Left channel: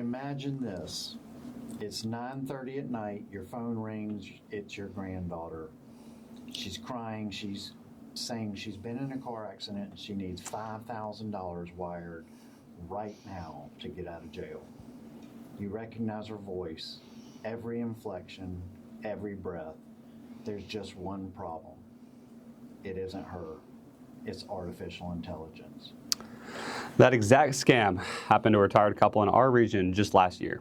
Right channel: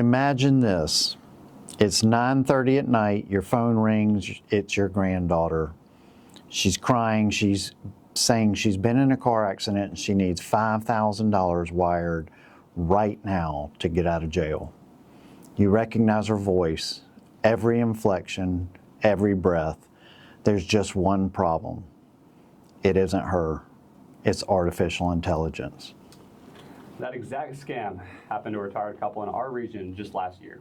Imagine this. It's 9:30 at night, your phone rings, it's your granddaughter. She's crying, she's saying she's been in a car accident and she needs $5,000 wired right now to get out of jail. You recognize her voice, every inflection, every breath. There's just one problem. It isn't her, it's artificial intelligence. That exact scam happened to a retired couple in our region just last year.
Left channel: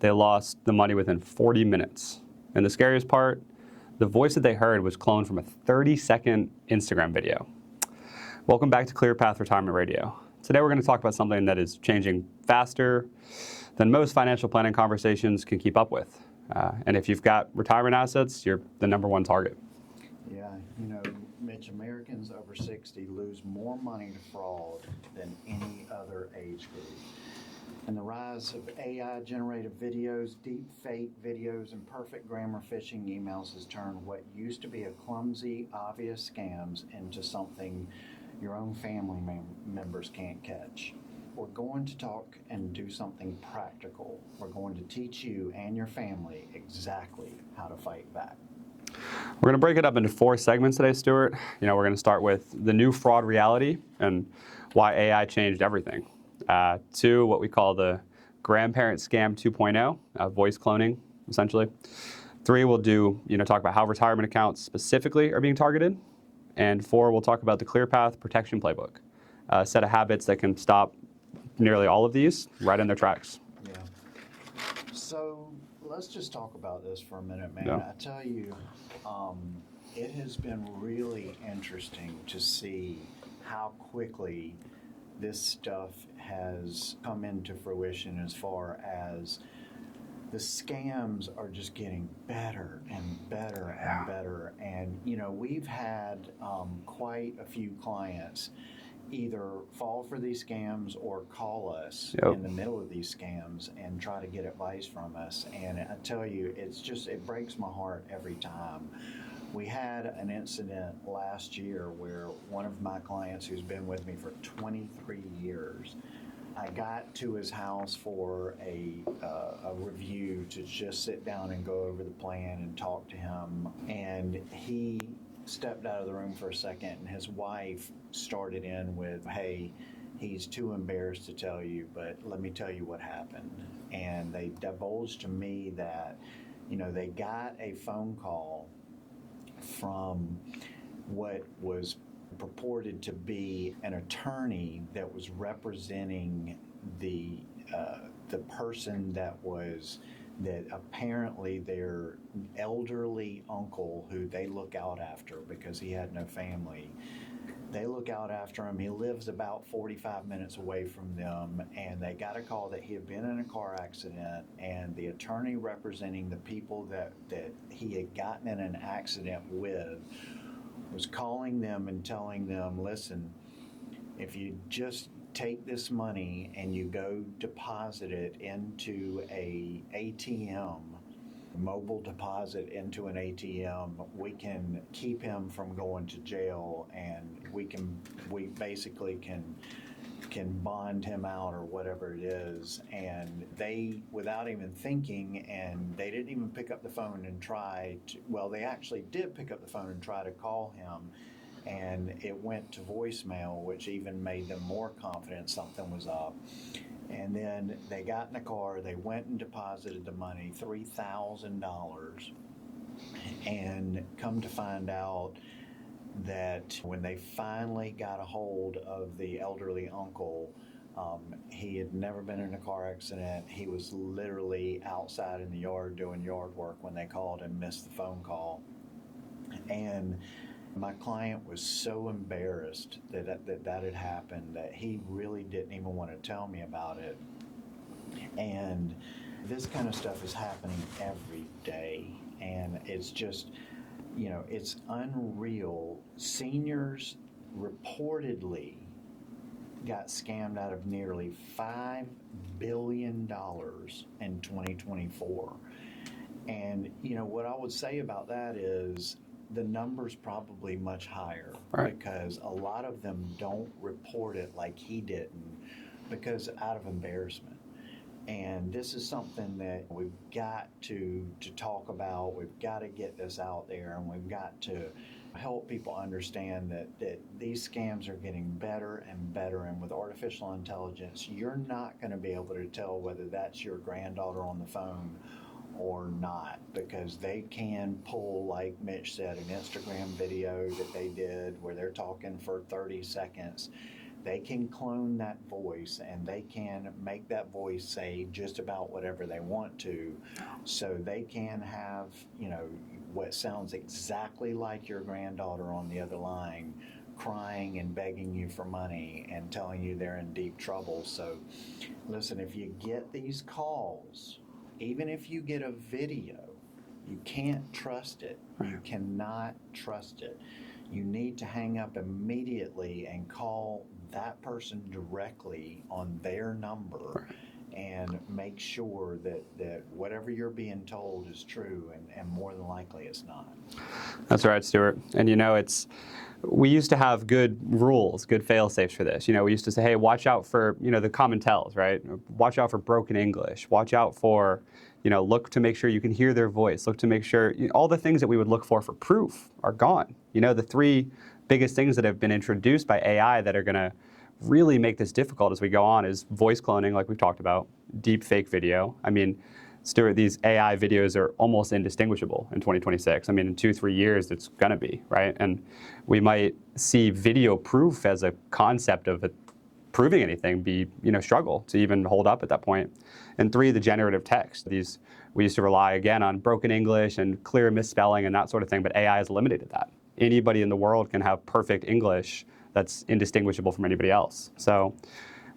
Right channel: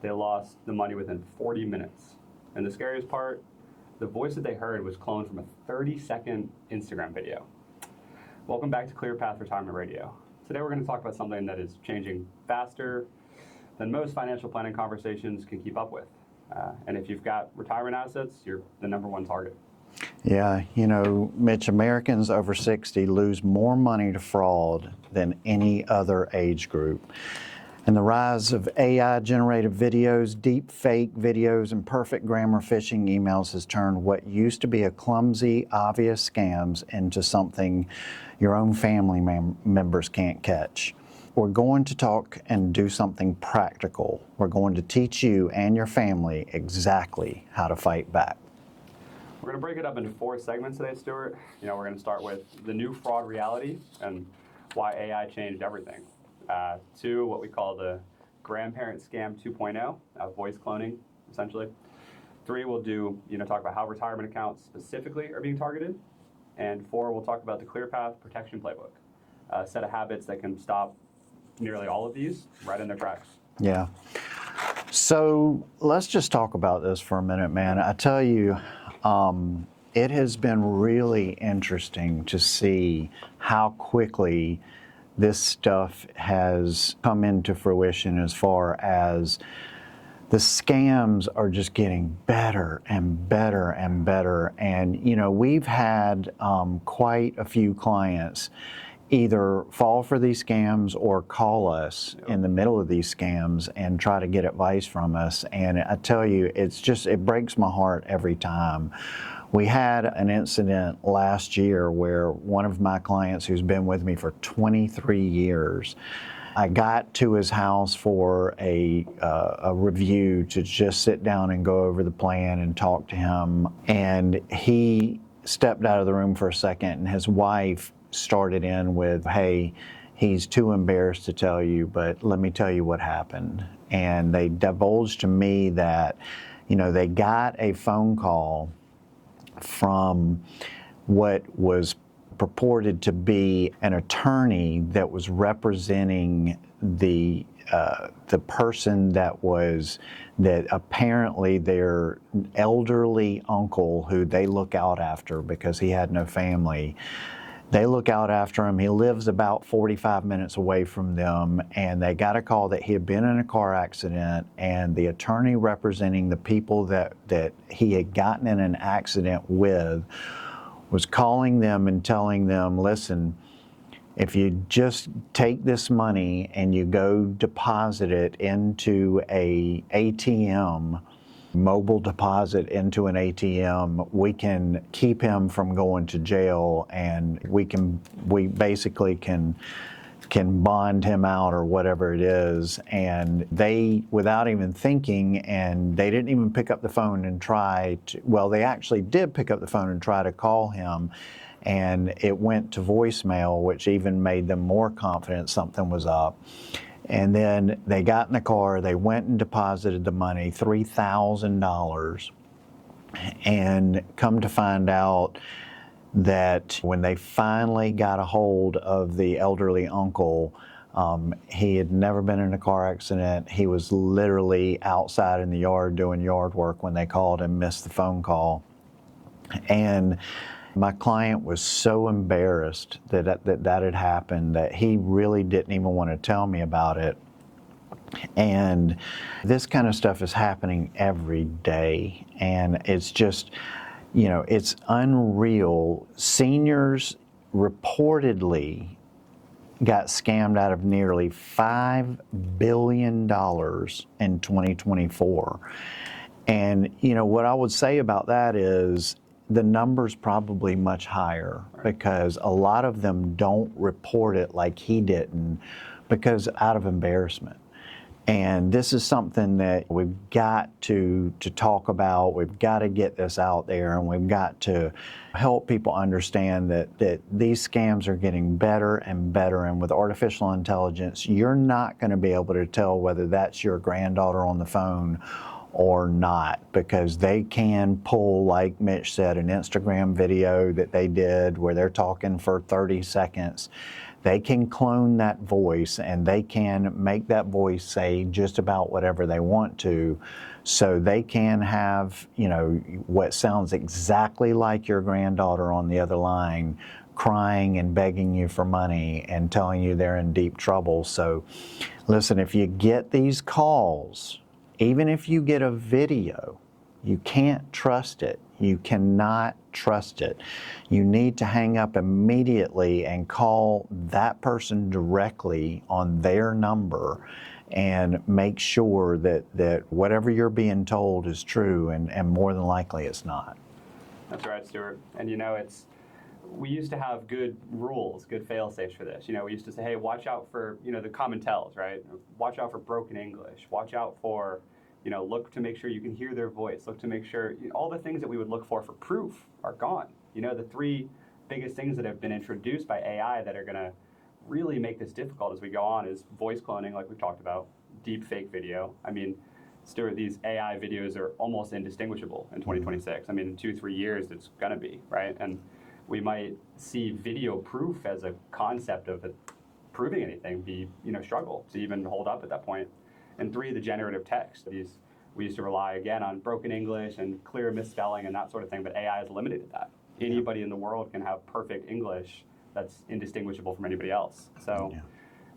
They lost the money within 40 minutes. And the scariest part, the voice that they heard was cloned from a 30-second Instagram video. Welcome back to ClearPath Retirement Radio. Today we're going to talk about something that is changing faster than most financial planning conversations can keep up with. And if you've got retirement assets, you're the #1 target. Yeah, you know, Mitch, Americans over 60 lose more money to fraud than any other age group. And the rise of AI-generated videos, deep fake videos, and perfect grammar phishing emails has turned what used to be a clumsy, obvious scams into something your own family members can't catch. We're going to talk and do something practical. We're going to teach you and your family exactly how to fight back. We're going to break it up into 4 segments today, Stewart. We're going to start with the new fraud reality and why AI changed everything. 2, what we call the Grandparent Scam 2.0, voice cloning, essentially. 3, we'll do, talk about how retirement accounts specifically are being targeted. And 4, we'll talk about the ClearPath Protection Playbook, a set of habits that can stop nearly all of these right in their tracks. Yeah. So let's just talk about this for a minute, man. Yeah. I tell you, it has been really interesting to see how quickly this stuff has come into fruition as far as the scams are just getting better and better and better. And, we've had quite a few clients either fall for these scams or call us in the middle of these scams and try to get advice from us. And I tell you, it breaks my heart every time. We had an incident last year where one of my clients who's been with me for 23 years, I got to his house for a review to just sit down and go over the plan and talk to him. And he stepped out of the room for a second, and his wife started in with, "Hey, he's too embarrassed to tell you, but let me tell you what happened." And they divulged to me that, they got a phone call from what was purported to be an attorney that was representing the person that apparently their elderly uncle, who they look out after because he had no family. They look out after him. He lives about 45 minutes away from them, and they got a call that he had been in a car accident, and the attorney representing the people that he had gotten in an accident with was calling them and telling them, "Listen, if you just take this money and you go deposit it into a ATM, mobile deposit into an ATM, we can keep him from going to jail, and we basically can bond him out," or whatever it is. And they, without even thinking, and they didn't even pick up the phone and they actually did pick up the phone and try to call him, and it went to voicemail, which even made them more confident something was up. And then they got in the car, they went and deposited the money, $3,000, and come to find out that when they finally got a hold of the elderly uncle, he had never been in a car accident. He was literally outside in the yard doing yard work when they called and missed the phone call. And my client was so embarrassed that had happened that he really didn't even want to tell me about it. And this kind of stuff is happening every day, and it's just, it's unreal. Seniors reportedly got scammed out of nearly $5 billion in 2024. And, what I would say about that is the number's probably much higher, right? Because a lot of them don't report it like he didn't, because out of embarrassment. And this is something that we've got to talk about. We've got to get this out there, and we've got to help people understand that these scams are getting better and better. And with artificial intelligence, you're not going to be able to tell whether that's your granddaughter on the phone or not, because they can pull, like Mitch said, an Instagram video that they did where they're talking for 30 seconds. They can clone that voice, and they can make that voice say just about whatever they want to. So they can have, what sounds exactly like your granddaughter on the other line, crying and begging you for money and telling you they're in deep trouble. So listen, if you get these calls, even if you get a video, you can't trust it. You cannot trust it. You need to hang up immediately and call that person directly on their number and make sure that whatever you're being told is true, and more than likely it's not. That's right, Stewart. And we used to have good rules, good fail-safes for this. We used to say, hey, watch out for, the common tells, right? Watch out for broken English. Watch out for, look to make sure you can hear their voice. Look to make sure, all the things that we would look for proof are gone. The three biggest things that have been introduced by AI that are going to really make this difficult as we go on is voice cloning, like we've talked about, deep fake video. I mean, Stewart, these AI videos are almost indistinguishable in 2026. I mean, in 2-3 years, it's going to be, right? And we might see video proof as a concept of it proving anything be, struggle to even hold up at that point. And 3, the generative text. We used to rely, again, on broken English and clear misspelling and that sort of thing, but AI has eliminated that. Anybody in the world can have perfect English that's indistinguishable from anybody else. So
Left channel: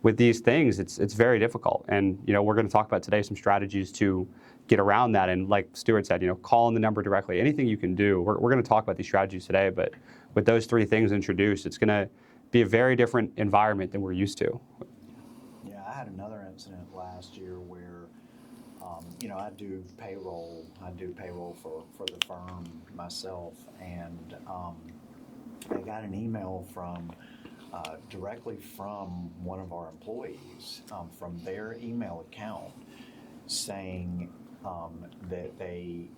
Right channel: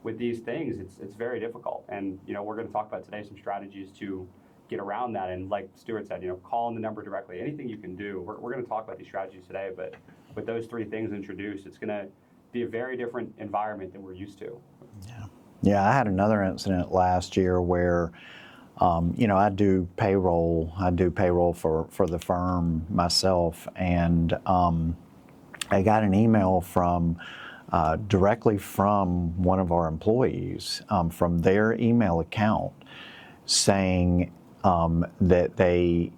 with these things, it's very difficult. And, we're going to talk about today some strategies to get around that. And like Stewart said, calling the number directly, anything you can do. We're going to talk about these strategies today, but with those 3 things introduced, it's going to be a very different environment than we're used to. Yeah, I had another incident last year where, I do payroll. I do payroll for the firm myself, and I got an email from directly from one of our employees from their email account saying that they,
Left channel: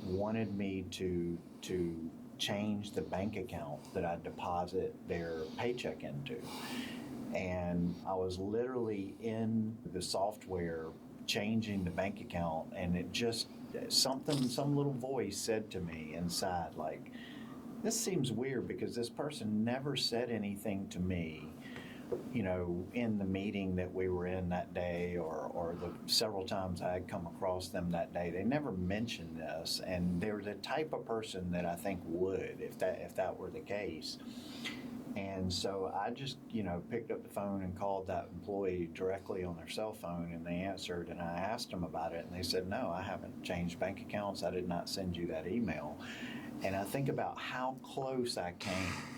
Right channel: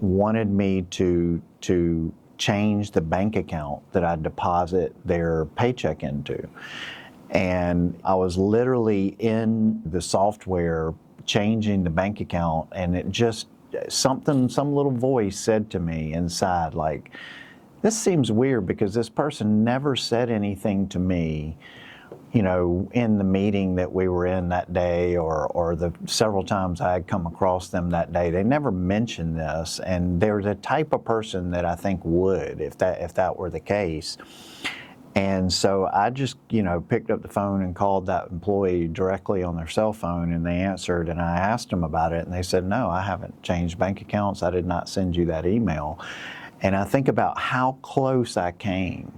wanted me to change the bank account that I deposit their paycheck into. And I was literally in the software changing the bank account, and it just, some little voice said to me inside, like, this seems weird because this person never said anything to me, in the meeting that we were in that day, or the several times I had come across them that day. They never mentioned this, and they're the type of person that I think would, if that were the case. And so I just, picked up the phone and called that employee directly on their cell phone, and they answered, and I asked them about it, and they said, no, I haven't changed bank accounts. I did not send you that email. And I think about how close I came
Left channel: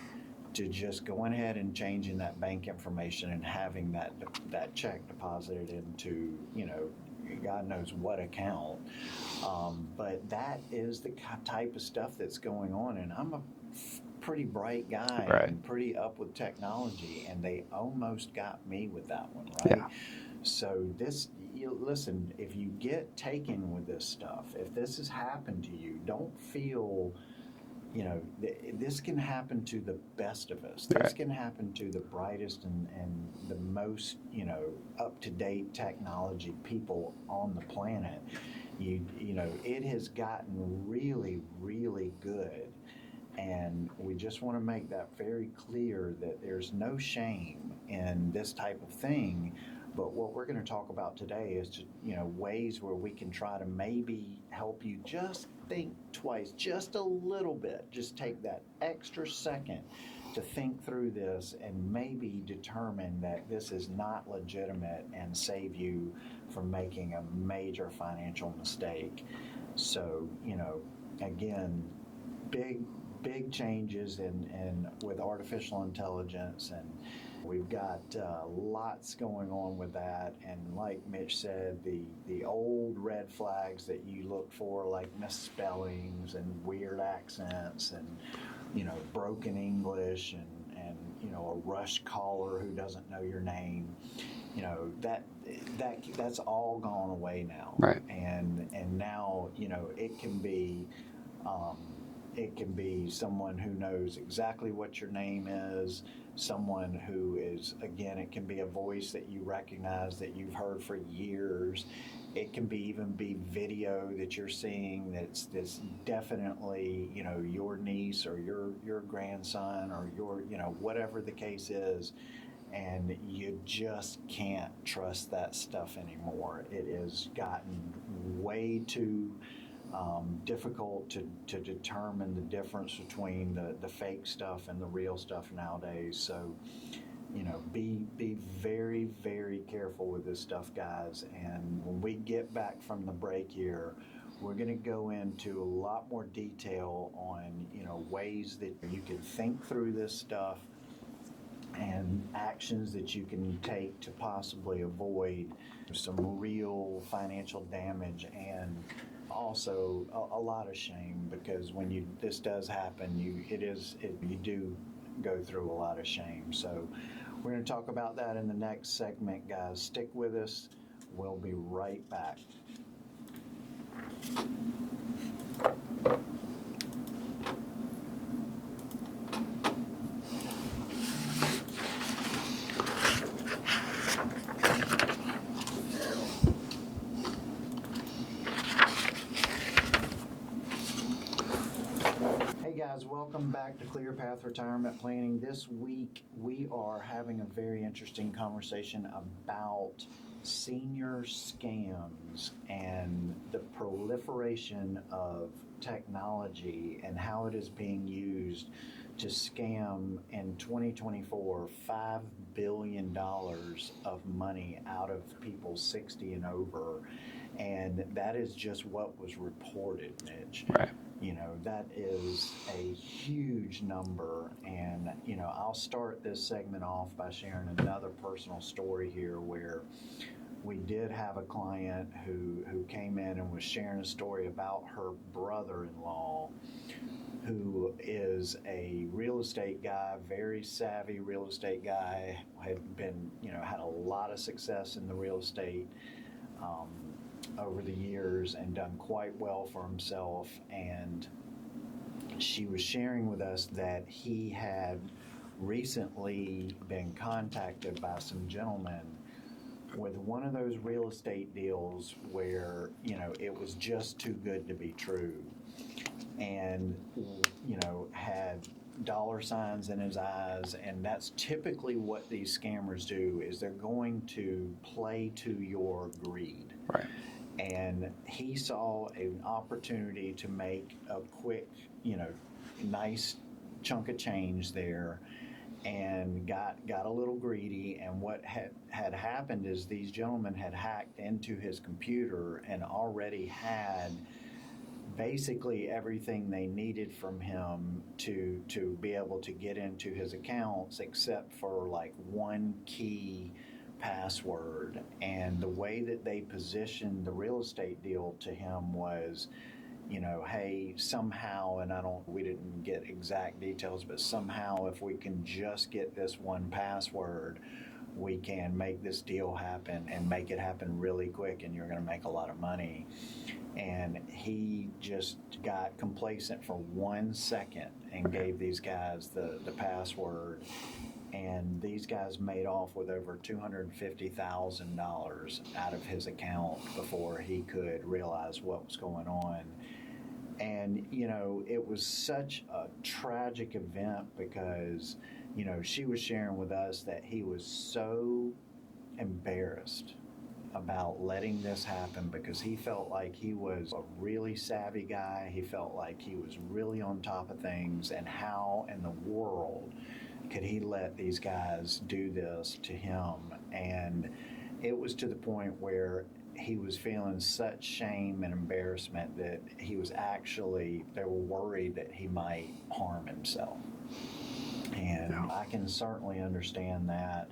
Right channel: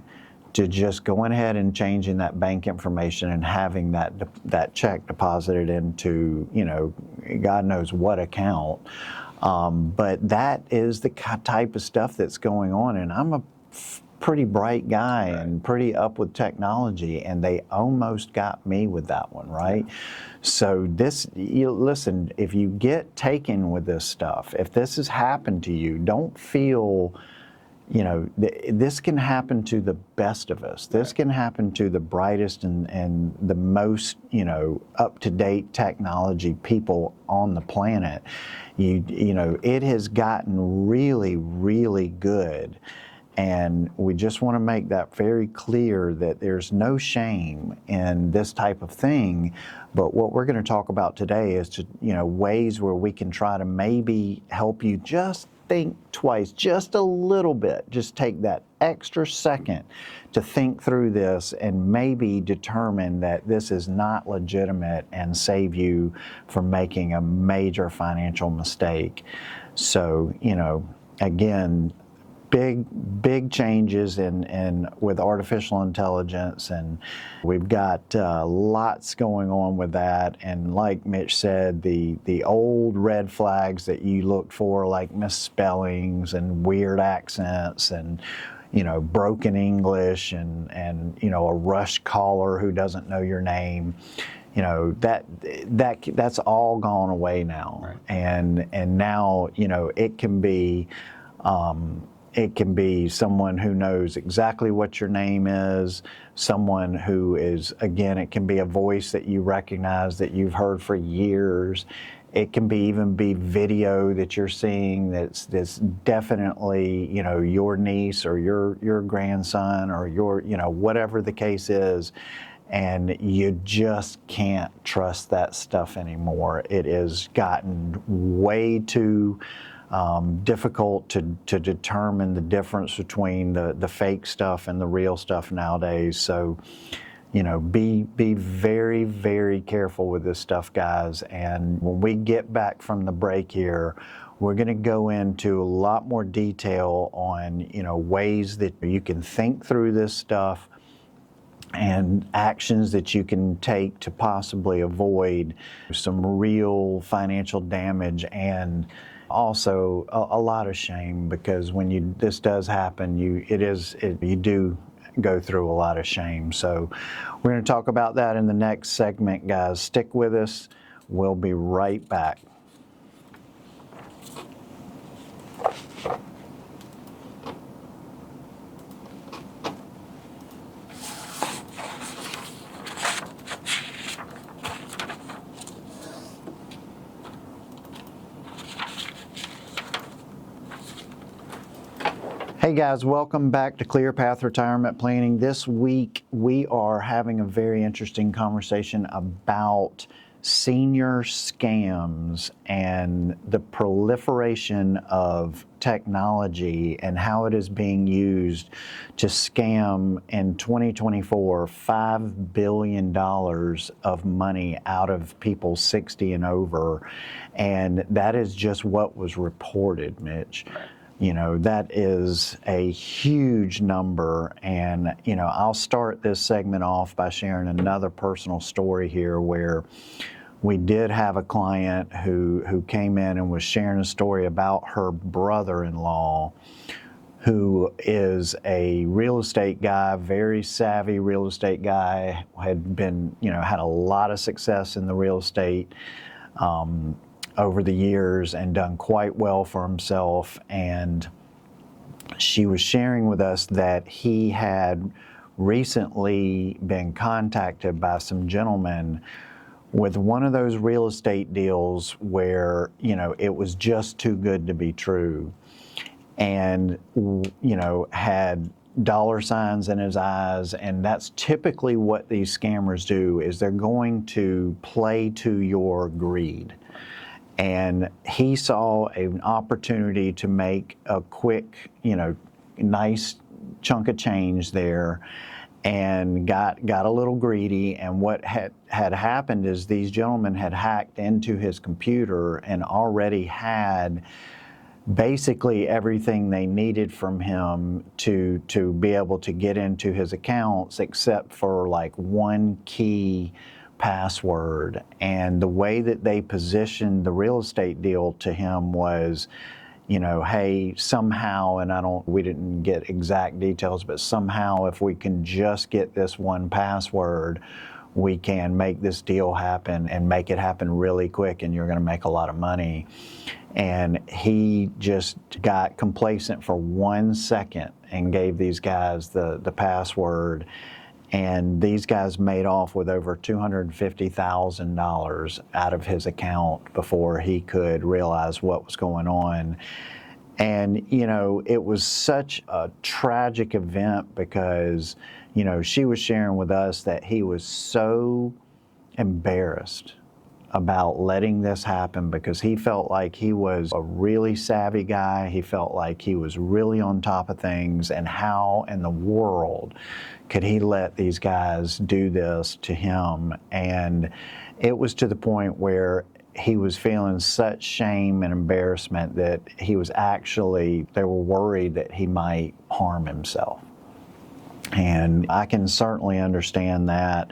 to just going ahead and changing that bank information and having that check deposited into, God knows what account. But that is the type of stuff that's going on, and I'm a pretty bright guy, right, and pretty up with technology, and they almost got me with that one, right? Yeah. So listen, if you get taken with this stuff, if this has happened to you, don't feel, this can happen to the best of us. This can happen to the brightest and the most, up-to-date technology people on the planet. It has gotten really, really good. And we just want to make that very clear that there's no shame in this type of thing. But what we're going to talk about today is ways where we can try to maybe help you just think twice, just a little bit. Just take that extra second to think through this and maybe determine that this is not legitimate and save you from making a major financial mistake. So, again, big changes in with artificial intelligence, and we've got lots going on with that. And like Mitch said, the old red flags that you looked for, like misspellings and weird accents and broken English and a rush caller who doesn't know your name. that's all gone away now. Right. And now, it can be someone who knows exactly what your name is, someone who is, again, it can be a voice that you recognize that you've heard for years. It can even be video that you're seeing that's definitely, your niece or your grandson or your, whatever the case is. And you just can't trust that stuff anymore. It has gotten way too difficult to determine the difference between the fake stuff and the real stuff nowadays. So, be very, very careful with this stuff, guys. And when we get back from the break here, we're going to go into a lot more detail on, ways that you can think through this stuff and actions that you can take to possibly avoid some real financial damage and also a lot of shame, because when this does happen, you do go through a lot of shame. So we're going to talk about that in the next segment, guys. Stick with us. We'll be right back. Hey guys, welcome back to ClearPath Retirement Planning. This week we are having a very interesting conversation about senior scams and the proliferation of technology and how it is being used to scam in 2024 $5 billion of money out of people 60 and over. And that is just what was reported, Mitch. Right. That is a huge number. And, I'll start this segment off by sharing another personal story here where we did have a client who came in and was sharing a story about her brother-in-law, who is a real estate guy, very savvy real estate guy, had been, had a lot of success in the real estate over the years and done quite well for himself. And she was sharing with us that he had recently been contacted by some gentlemen with one of those real estate deals where, it was just too good to be true, and, had dollar signs in his eyes. And that's typically what these scammers do, is they're going to play to your greed. Right. And he saw an opportunity to make a quick, nice chunk of change there, and got a little greedy. And what had happened is these gentlemen had hacked into his computer and already had basically everything they needed from him to be able to get into his accounts, except for like one key password. And the way that they positioned the real estate deal to him was, hey, somehow, and we didn't get exact details, but somehow if we can just get this one password, we can make this deal happen and make it happen really quick, and you're going to make a lot of money. And he just got complacent for 1 second and gave these guys the password. And these guys made off with over $250,000 out of his account before he could realize what was going on. And, it was such a tragic event because, she was sharing with us that he was so embarrassed about letting this happen because he felt like he was a really savvy guy. He felt like he was really on top of things, and how in the world could he let these guys do this to him? And it was to the point where he was feeling such shame and embarrassment that they were worried that he might harm himself. And I can certainly understand that.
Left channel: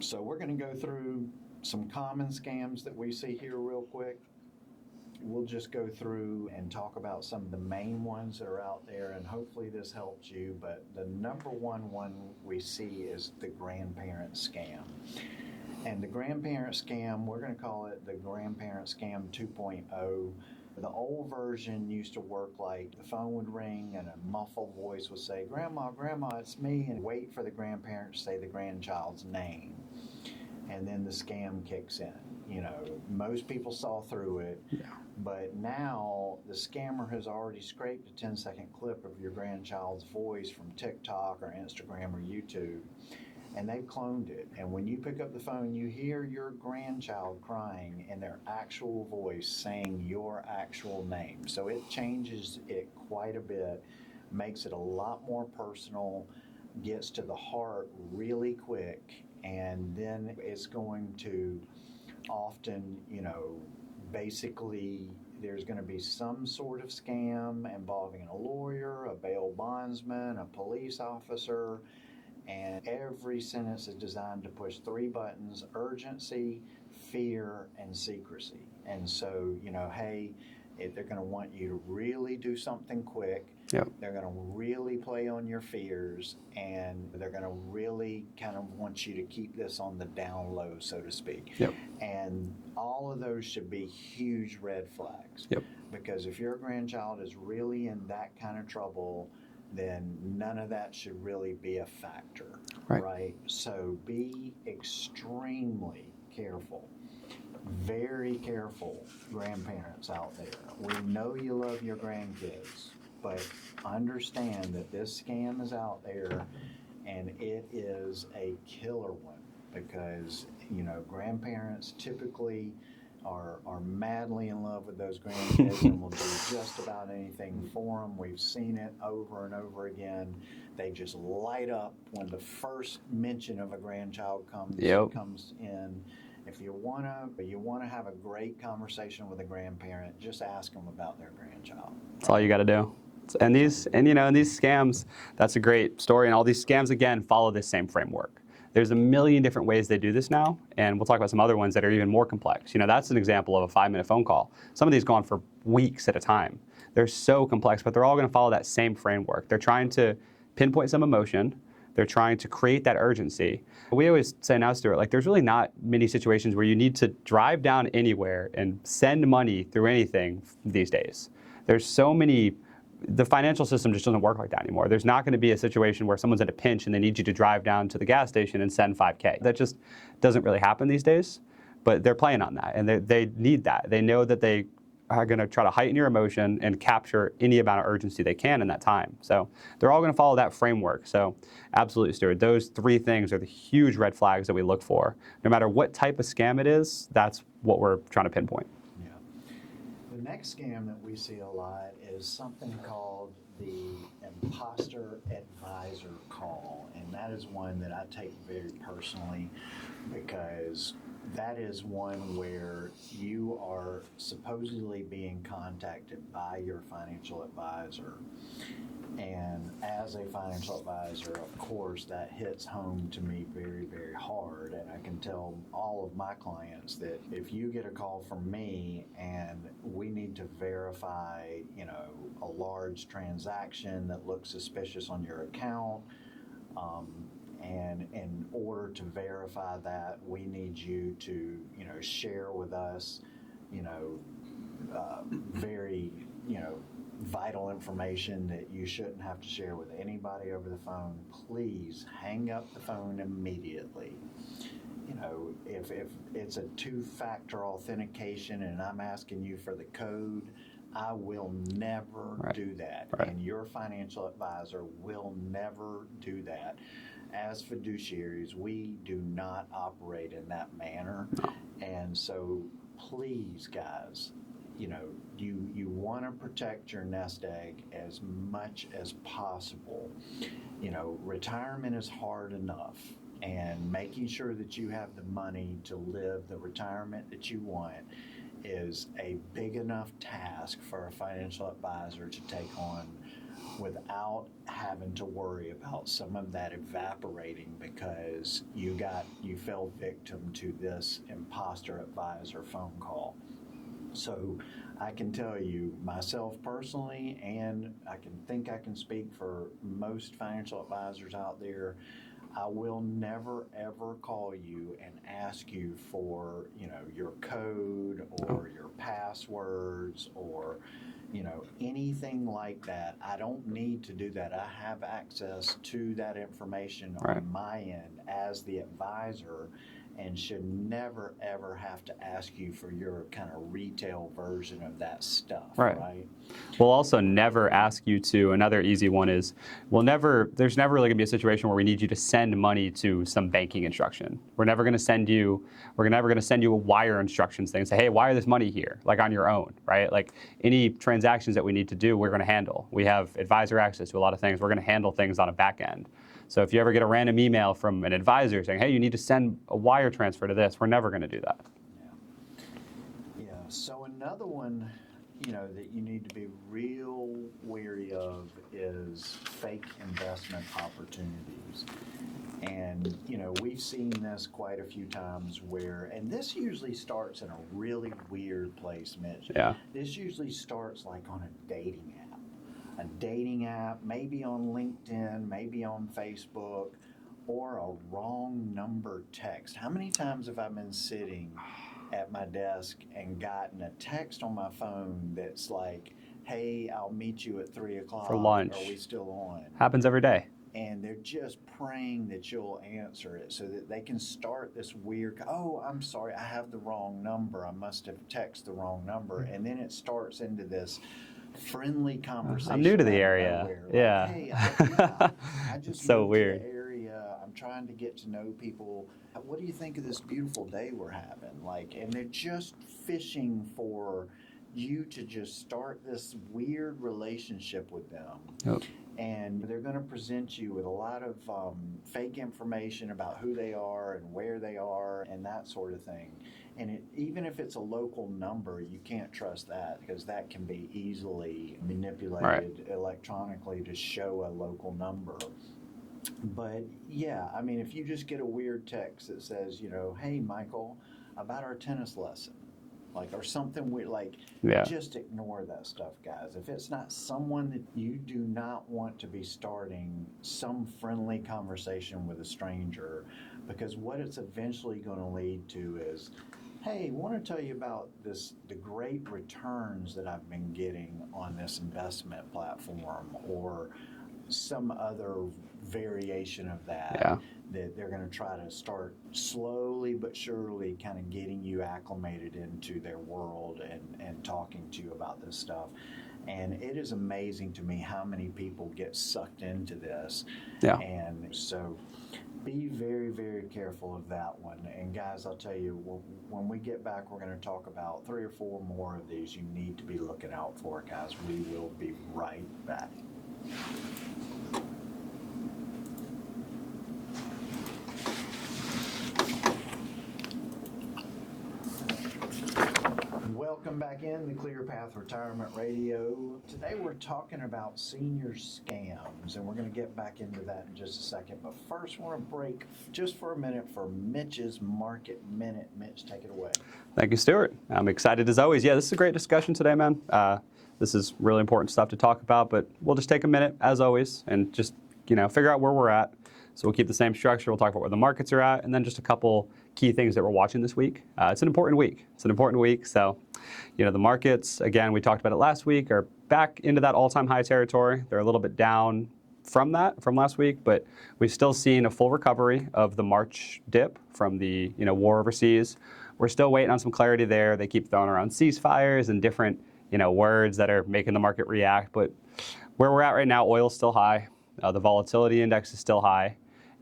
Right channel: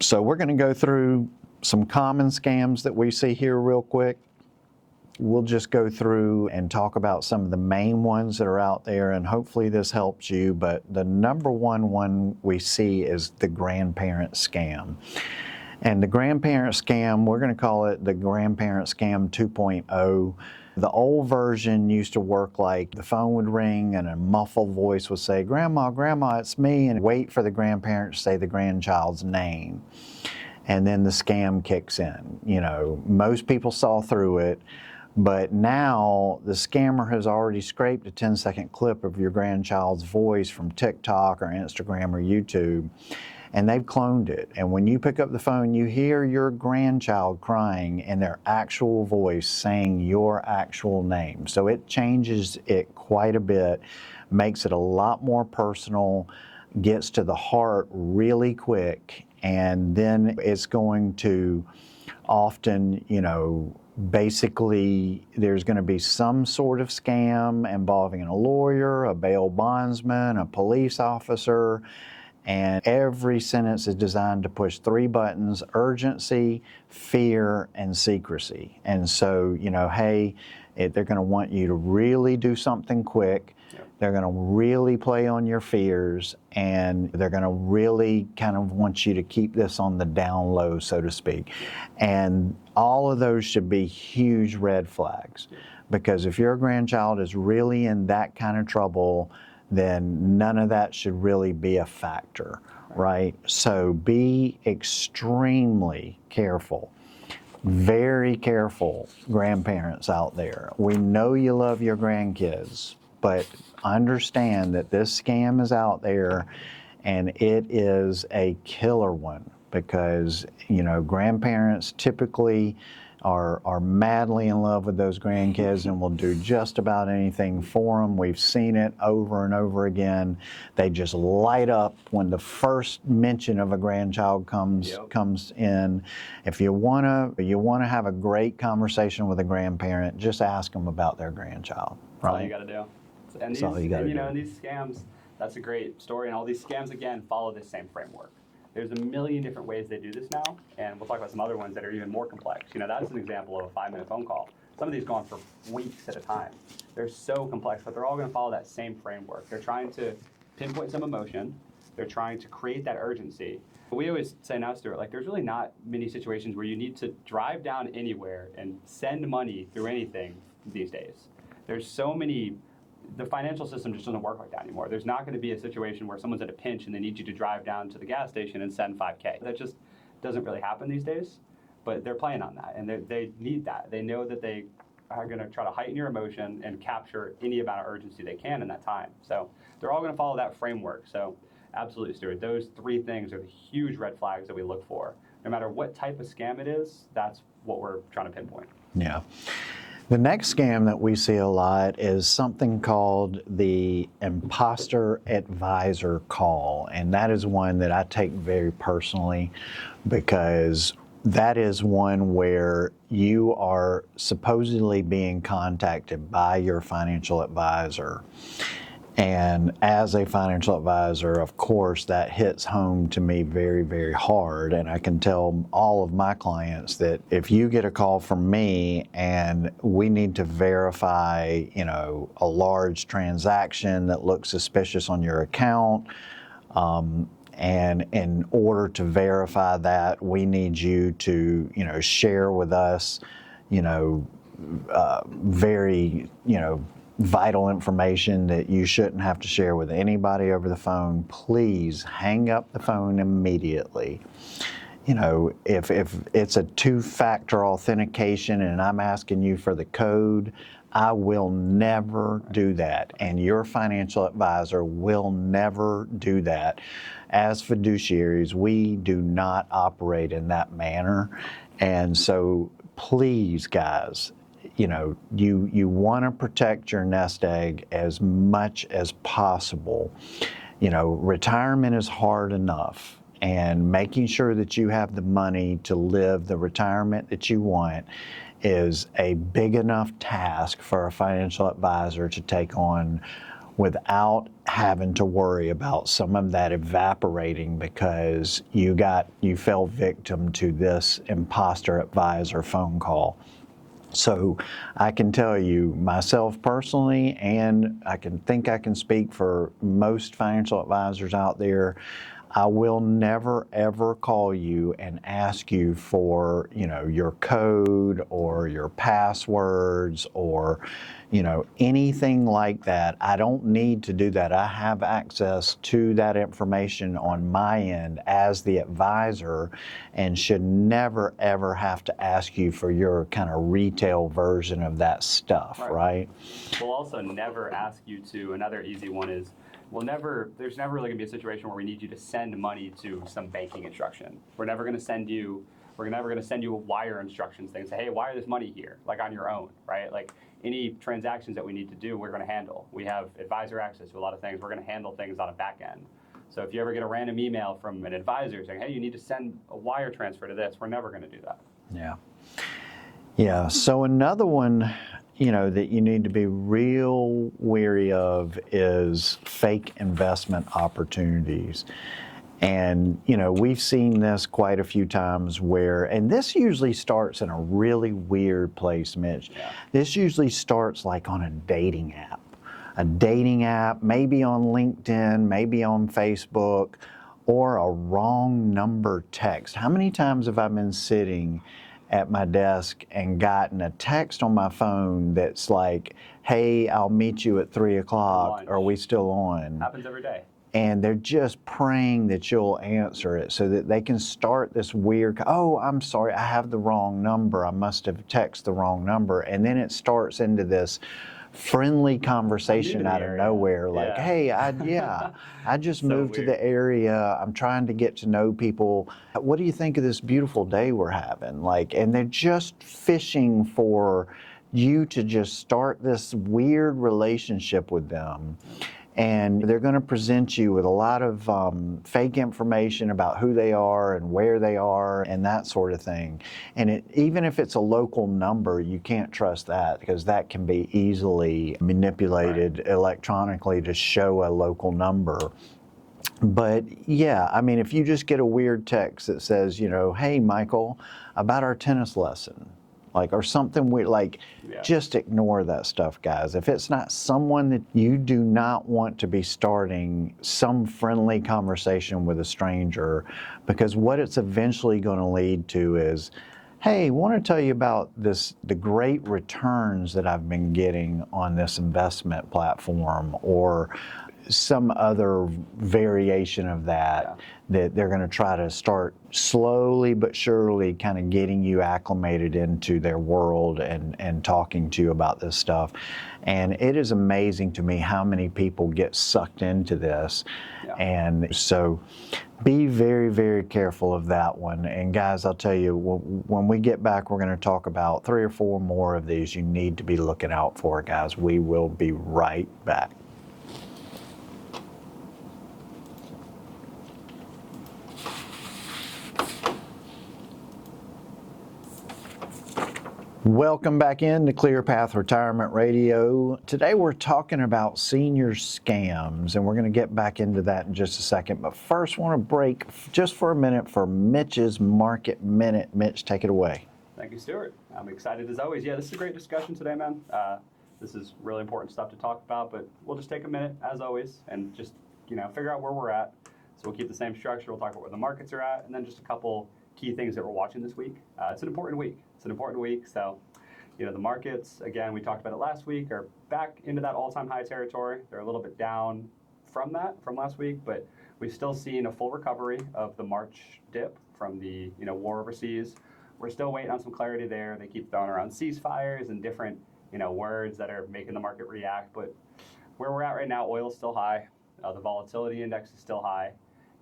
So we're going to go through some common scams that we see here real quick. We'll just go through and talk about some of the main ones that are out there, and hopefully this helps you. But the number one we see is the grandparent scam. And the grandparent scam, we're going to call it the grandparent scam 2.0. The old version used to work like the phone would ring and a muffled voice would say, "Grandma, Grandma, it's me," and wait for the grandparent to say the grandchild's name. And then the scam kicks in. You know, most people saw through it, but now the scammer has already scraped a 10-second clip of your grandchild's voice from TikTok or Instagram or YouTube, and they've cloned it. And when you pick up the phone, you hear your grandchild crying in their actual voice saying your actual name. So it changes it quite a bit, makes it a lot more personal, gets to the heart really quick, and then it's going to often, you know, basically there's going to be some sort of scam involving a lawyer, a bail bondsman, a police officer, and every sentence is designed to push 3 buttons: urgency, fear, and secrecy. And so, you know, hey, they're going to want you to really do something quick. Yep. They're going to really play on your fears, and they're going to really kind of want you to keep this on the down low, so to speak. Yep. And all of those should be huge red flags. Yep. Because if your grandchild is really in that kind of trouble, then none of that should really be a factor, right? So be extremely careful. Very careful, grandparents out there. We know you love your grandkids, but understand that this scam is out there, and it is a killer one, because, you know, grandparents typically are madly in love with those grandkids and will do just about anything for them. We've seen it over and over again. They just light up when the first mention of a grandchild comes in. If you wanna have a great conversation with a grandparent, just ask them about their grandchild. That's all you got to do. And these, and these scams, that's a great story. And all these scams, again, follow this same framework. There's a million different ways they do this now, and we'll talk about some other ones that are even more complex. You know, that's an example of a 5-minute phone call. Some of these go on for weeks at a time. They're so complex, but they're all going to follow that same framework. They're trying to pinpoint some emotion. They're trying to create that urgency. We always say now, Stewart, like, there's really not many situations where you need to drive down anywhere and send money through anything these days. There's so many. The financial system just doesn't work like that anymore. There's not going to be a situation where someone's at a pinch and they need you to drive down to the gas station and send $5K. That just doesn't really happen these days, but they're playing on that, and they need that. They know that they are going to try to heighten your emotion and capture any amount of urgency they can in that time. So they're all going to follow that framework. So absolutely, Stewart, those 3 things are the huge red flags that we look for. No matter what type of scam it is, that's what we're trying to pinpoint. Yeah. The next scam that we see a lot is something called the imposter advisor call. And that is one that I take very personally, because that is one where you are supposedly being contacted by your financial advisor. And as a financial advisor, of course, that hits home to me very, very hard. And I can tell all of my clients that if you get a call from me and we need to verify, you know, a large transaction that looks suspicious on your account, and in order to verify that, we need you to, you know, share with us, you know, very, you know, vital information that you shouldn't have to share with anybody over the phone, please hang up the phone immediately. You know, if it's a 2-factor authentication and I'm asking you for the code, I will never do that. And your financial advisor will never do that. As fiduciaries, we do not operate in that manner. And so please, guys, you know, you want to protect your nest egg as much as possible. You know, retirement is hard enough, and making sure that you have the money to live the retirement that you want is a big enough task for a financial advisor to take on without having to worry about some of that evaporating because you fell victim to this imposter advisor phone call. So I can tell you myself personally, and I can speak for most financial advisors out there, I will never ever call you and ask you for, your code or your passwords or, anything like that. I don't need to do that. I have access to that information on my end as the advisor and should never ever have to ask you for your kind of retail version of that stuff, right? We'll also never ask you to, another easy one is, there's never really gonna be a situation where we need you to send money to some banking instruction. We're never gonna send you a wire instructions thing and say, hey, wire this money here, like on your own, right? Like any transactions that we need to do, we're gonna handle. We have advisor access to a lot of things. We're gonna handle things on a back end. So if you ever get a random email from an advisor saying, hey, you need to send a wire transfer to this, we're never gonna do that. Yeah, so another one, that you need to be real wary of is fake investment opportunities. And, we've seen this quite a few times and this usually starts in a really weird place, Mitch. Yeah. This usually starts like on a dating app, maybe on LinkedIn, maybe on Facebook, or a wrong number text. How many times have I been sitting at my desk and gotten a text on my phone that's like, hey, I'll meet you at 3 o'clock. Are we still on? Happens every day. And they're just praying that you'll answer it so that they can start this weird, oh, I'm sorry, I have the wrong number. I must have texted the wrong number. And then it starts into this friendly conversation out of nowhere. Like, hey, I just moved to the area. I'm trying to get to know people. What do you think of this beautiful day we're having? And they're just fishing for you to just start this weird relationship with them. Yep. And they're going to present you with a lot of fake information about who they are and where they are and that sort of thing. And even if it's a local number, you can't trust that because that can be easily manipulated electronically to show a local number. But yeah, I mean, if you just get a weird text that says, hey, Michael, about our tennis lesson, or something weird, just ignore that stuff, guys. If it's not someone that you do not want to be starting some friendly conversation with a stranger, because what it's eventually going to lead to is, hey, I want to tell you about the great returns that I've been getting on this investment platform, or some other variation of that they're going to try to start slowly but surely kind of getting you acclimated into their world and talking to you about this stuff. And it is amazing to me how many people get sucked into this. And so be very, very careful of that one. And guys, I'll tell you, when we get back, we're going to talk about 3 or 4 more of these you need to be looking out for, guys. We will be right back. Welcome back in to ClearPath Retirement Radio. Today we're talking about senior scams, and we're going to get back into that in just a second. But first, I want to break just for a minute for Mitch's Market Minute. Mitch, take it away. Thank you, Stewart. I'm excited as always. Yeah, this is a great discussion today, man. This is really important stuff to talk about, but we'll just take a minute, as always, and just figure out where we're at. So we'll keep the same structure. We'll talk about where the markets are at, and then just a couple key things that we're watching this week. It's an important week. So, the markets, again, we talked about it last week, are back into that all-time high territory. They're a little bit down from last week, but we've still seen a full recovery of the March dip from the war overseas. We're still waiting on some clarity there. They keep throwing around ceasefires and different words that are making the market react. But where we're at right now, oil's still high. The volatility index is still high.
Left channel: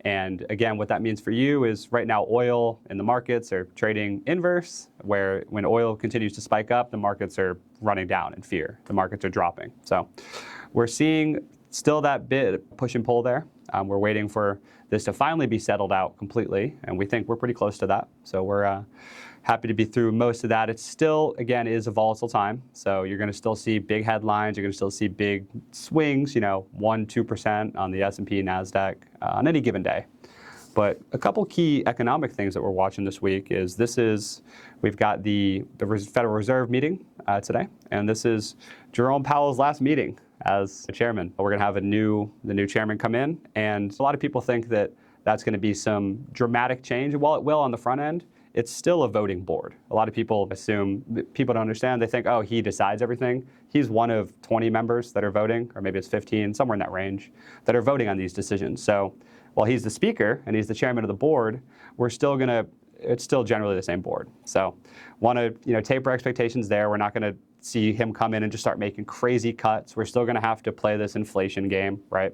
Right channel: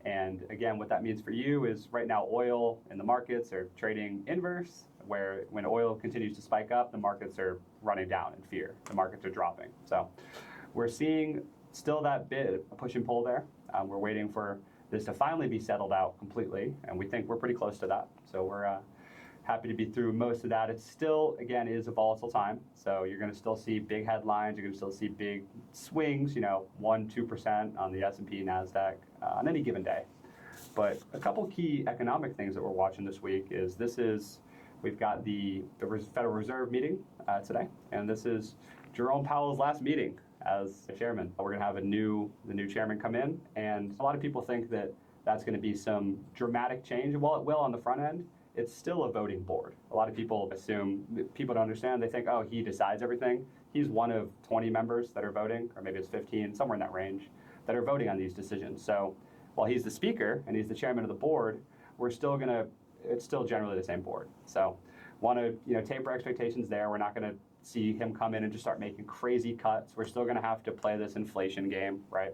And again, what that means for you is right now oil and the markets are trading inverse, where when oil continues to spike up, the markets are running down in fear. The markets are dropping. So we're seeing still that bit of push and pull there. We're waiting for this to finally be settled out completely, and we think we're pretty close to that. So we're happy to be through most of that. It still, again, is a volatile time. So you're going to still see big headlines. You're going to still see big swings, 1-2% on the S&P, NASDAQ on any given day. But a couple key economic things that we're watching this week is we've got the Federal Reserve meeting today, and this is Jerome Powell's last meeting as chairman. We're going to have the new chairman come in, and a lot of people think that that's going to be some dramatic change. And while it will on the front end, it's still a voting board. A lot of people assume, people don't understand, they think, oh, he decides everything. He's one of 20 members that are voting, or maybe it's 15, somewhere in that range, that are voting on these decisions. So while he's the speaker and he's the chairman of the board, it's still generally the same board. So want to taper expectations there. We're not going to see him come in and just start making crazy cuts. We're still going to have to play this inflation game, right?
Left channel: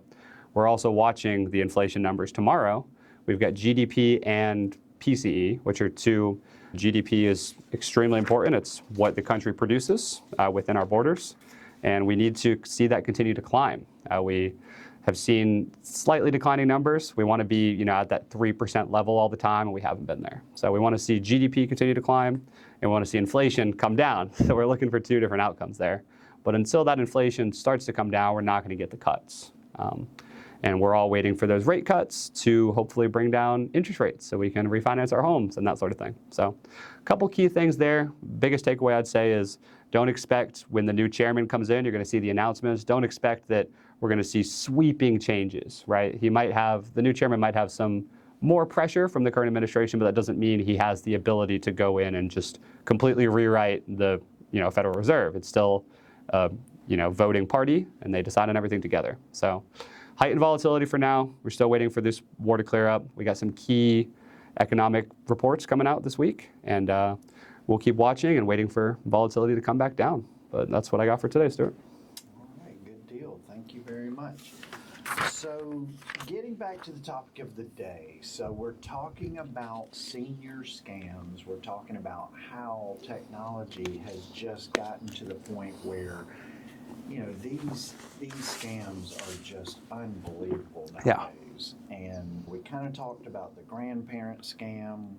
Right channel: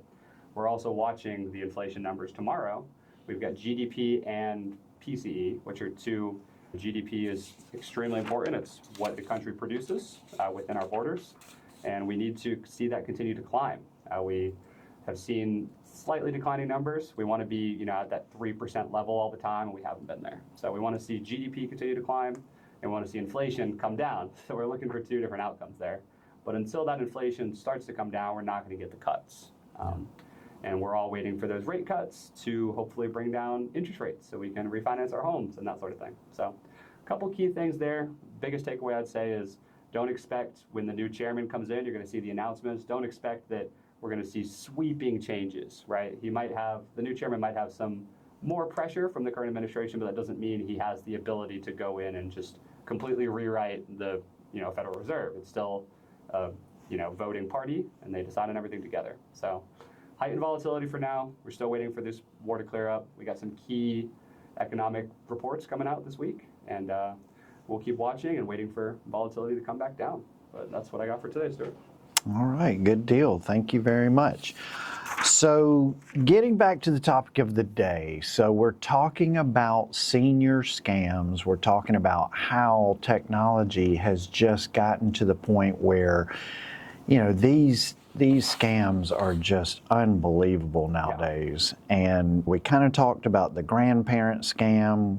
We're also watching the inflation numbers tomorrow. We've got GDP and PCE, which are two. GDP is extremely important. It's what the country produces within our borders, and we need to see that continue to climb. We have seen slightly declining numbers. We want to be at that 3% level all the time, and we haven't been there. So we want to see GDP continue to climb, and we want to see inflation come down. So we're looking for two different outcomes there. But until that inflation starts to come down, we're not going to get the cuts. And we're all waiting for those rate cuts to hopefully bring down interest rates so we can refinance our homes and that sort of thing. So a couple key things there. Biggest takeaway I'd say is don't expect when the new chairman comes in, you're going to see the announcements. Don't expect that we're going to see sweeping changes, right? The new chairman might have some more pressure from the current administration, but that doesn't mean he has the ability to go in and just completely rewrite the Federal Reserve. It's still a voting party, and they decide on everything together. So heightened volatility for now. We're still waiting for this war to clear up. We got some key economic reports coming out this week, and we'll keep watching and waiting for volatility to come back down. But that's what I got for today, Stewart. All right, good deal. Thank you very much. So getting back to the topic of the day, so we're talking about senior scams. We're talking about how technology has just gotten to the point where these scams are just unbelievable nowadays. Yeah. And we kind of talked about the grandparent scam.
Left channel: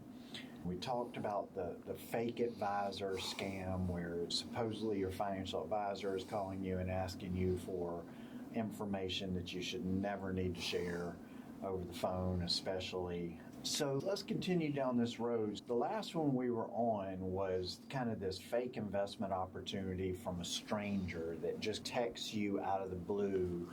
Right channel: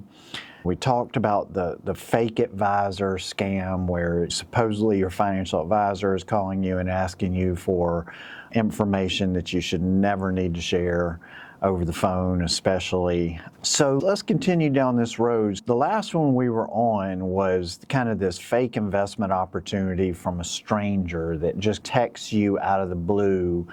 We talked about the fake advisor scam, where supposedly your financial advisor is calling you and asking you for information that you should never need to share over the phone, especially. So let's continue down this road. The last one we were on was kind of this fake investment opportunity from a stranger that just texts you out of the blue.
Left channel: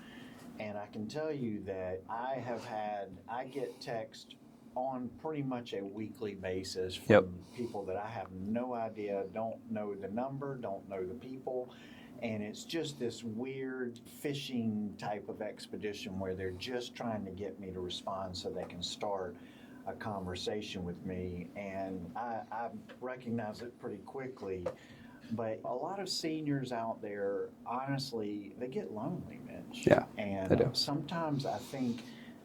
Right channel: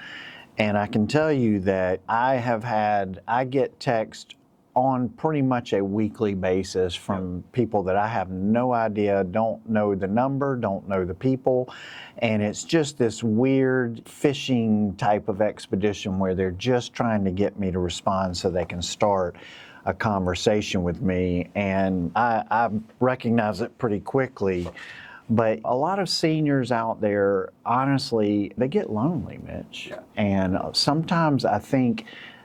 And I can tell you that I get text on pretty much a weekly basis from people that I have no idea, don't know the number, don't know the people. And it's just this weird phishing type of expedition where they're just trying to get me to respond so they can start a conversation with me. And I recognize it pretty quickly. But a lot of seniors out there, honestly, they get lonely, Mitch. Yeah, and sometimes I think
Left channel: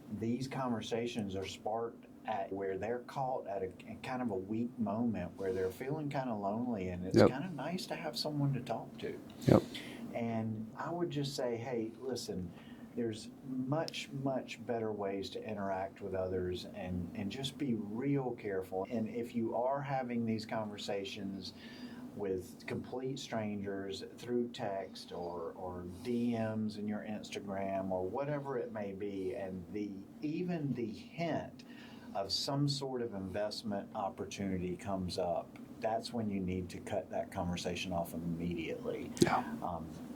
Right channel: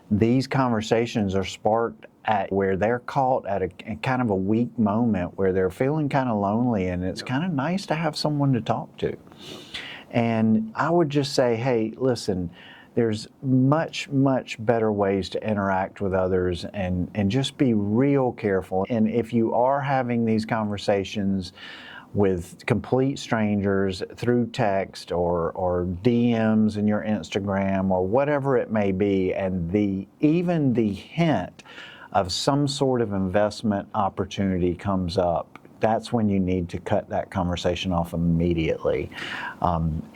these conversations are sparked at where they're caught at a kind of a weak moment where they're feeling kind of lonely, and it's kind of nice to have someone to talk to. Yep. And I would just say, hey, listen, there's much, much better ways to interact with others, and just be real careful. And if you are having these conversations with complete strangers through text or DMs in your Instagram or whatever it may be, and even the hint of some sort of investment opportunity comes up, that's when you need to cut that conversation off immediately.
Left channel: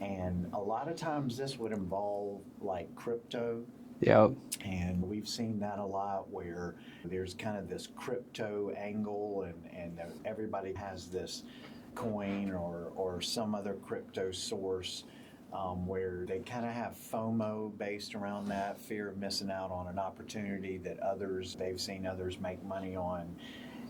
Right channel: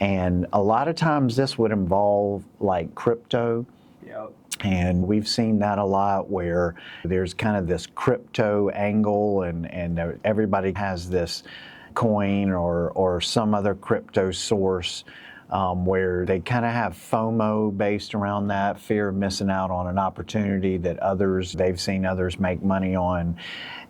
And a lot of times this would involve like crypto. Yep. And we've seen that a lot where there's kind of this crypto angle, and everybody has this coin or some other crypto source where they kind of have FOMO based around that, fear of missing out on an opportunity that they've seen others make money on.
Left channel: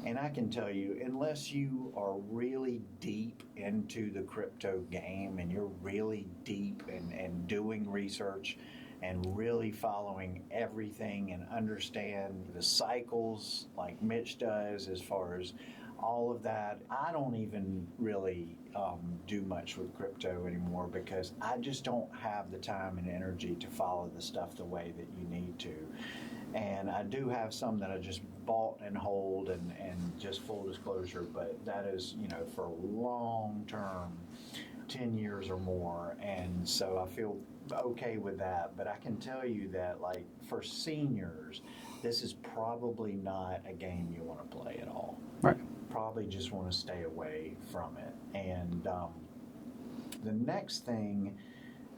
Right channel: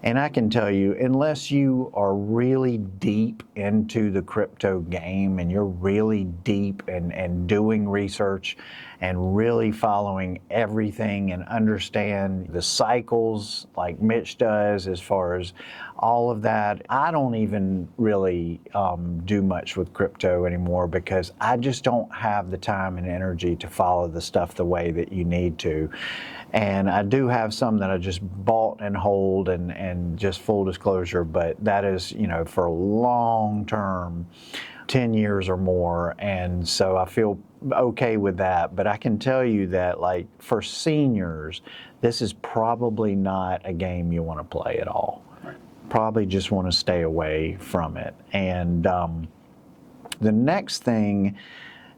And I can tell you, unless you are really deep into the crypto game and you're really deep and doing research and really following everything and understand the cycles like Mitch does as far as all of that, I don't even really do much with crypto anymore because I just don't have the time and energy to follow the stuff the way that you need to. And I do have some that I just bought and hold, and just full disclosure, but that is, for long term, 10 years or more. And so I feel okay with that. But I can tell you that, like, for seniors, this is probably not a game you want to play at all. Right. Probably just want to stay away from it. And the next thing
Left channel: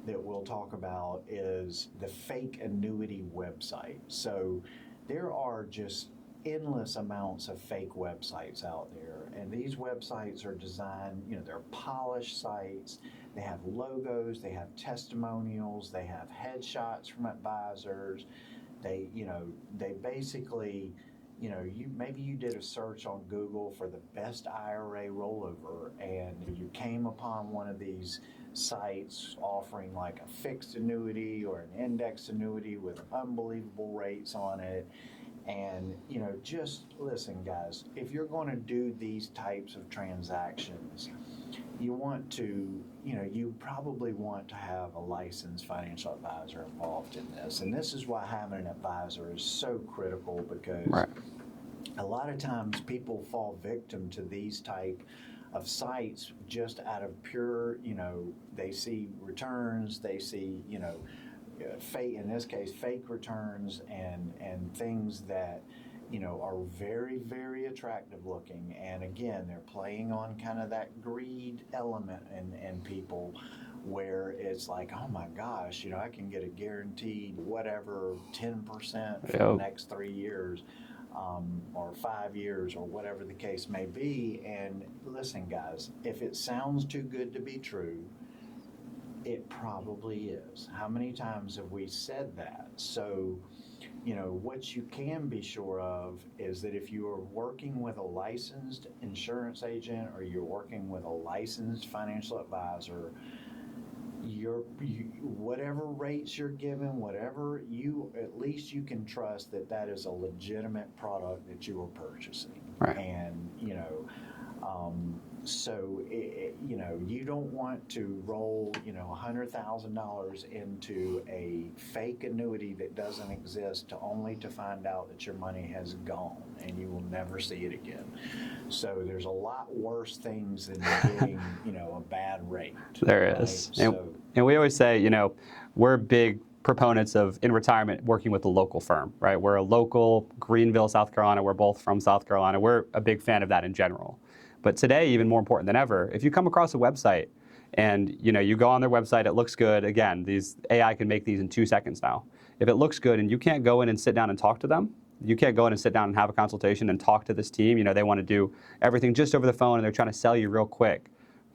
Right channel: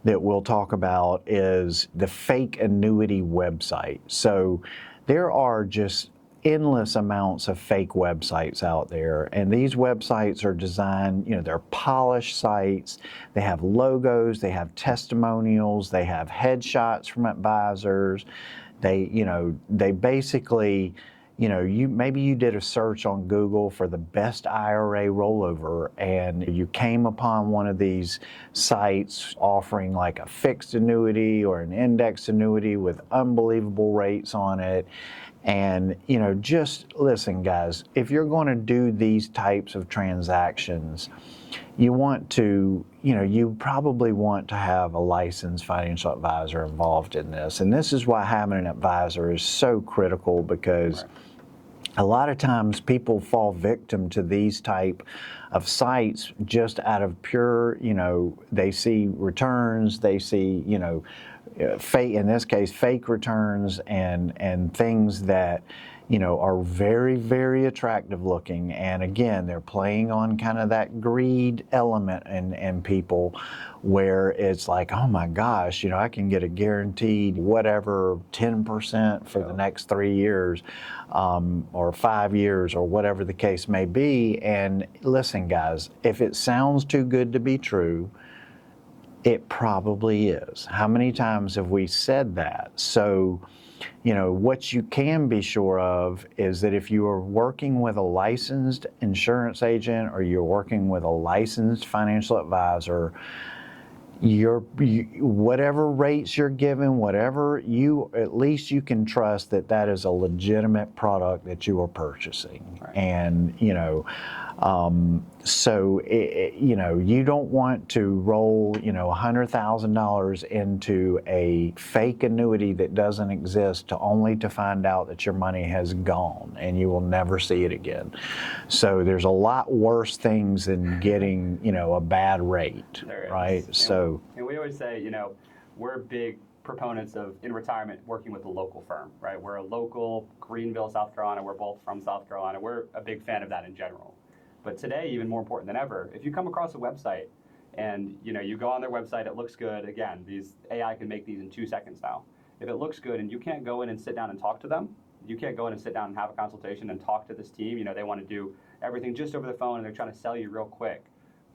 that we'll talk about is the fake annuity website. So there are just endless amounts of fake websites out there, and these websites are designed, they're polished sites. They have logos, they have testimonials, they have headshots from advisors. They basically, maybe you did a search on Google for the best IRA rollover, and you came upon one of these sites offering like a fixed annuity or an indexed annuity with unbelievable rates on it. And, just listen, guys, if you're going to do these types of transactions, you want to, you probably want to have a licensed financial advisor involved in this. And this is why having an advisor is so critical, because Right. a lot of times people fall victim to these type of sites just out of pure, they see returns, they see, fake, in this case, fake returns and things that, are very, very attractive looking. And again, they're playing on kind of that greed element in people, where it's like, oh my gosh, I can get a guaranteed whatever 10% for the next 3 years, or 5 years, or whatever the case may be. And listen, guys, if it sounds too good to be true, it probably is. How many times have we said that? So, what you can be sure of is that if you are working with a licensed insurance agent or you're working with a licensed financial advisor, whatever rates you're given, at least you can trust that that is a legitimate product that you are purchasing. Right. And, so, you don't want to roll, $100,000 into a fake annuity that doesn't exist only to find out that your money has gone and you will never see it again. So there's a lot worse things than getting, a bad rate. There is. Right? And we always say, we're big proponents of, in retirement, working with a local firm, right? We're a local, Greenville, South Carolina. We're both from South Carolina. We're a big fan of that in general. But today, even more important than ever, if you come across a website and you go on their website, it looks good. Again, these AI can make these in 2 seconds now. If it looks good and you can't go in and sit down and talk to them, you can't go in and sit down and have a consultation and talk to this team. They want to do everything just over the phone and they're trying to sell you real quick.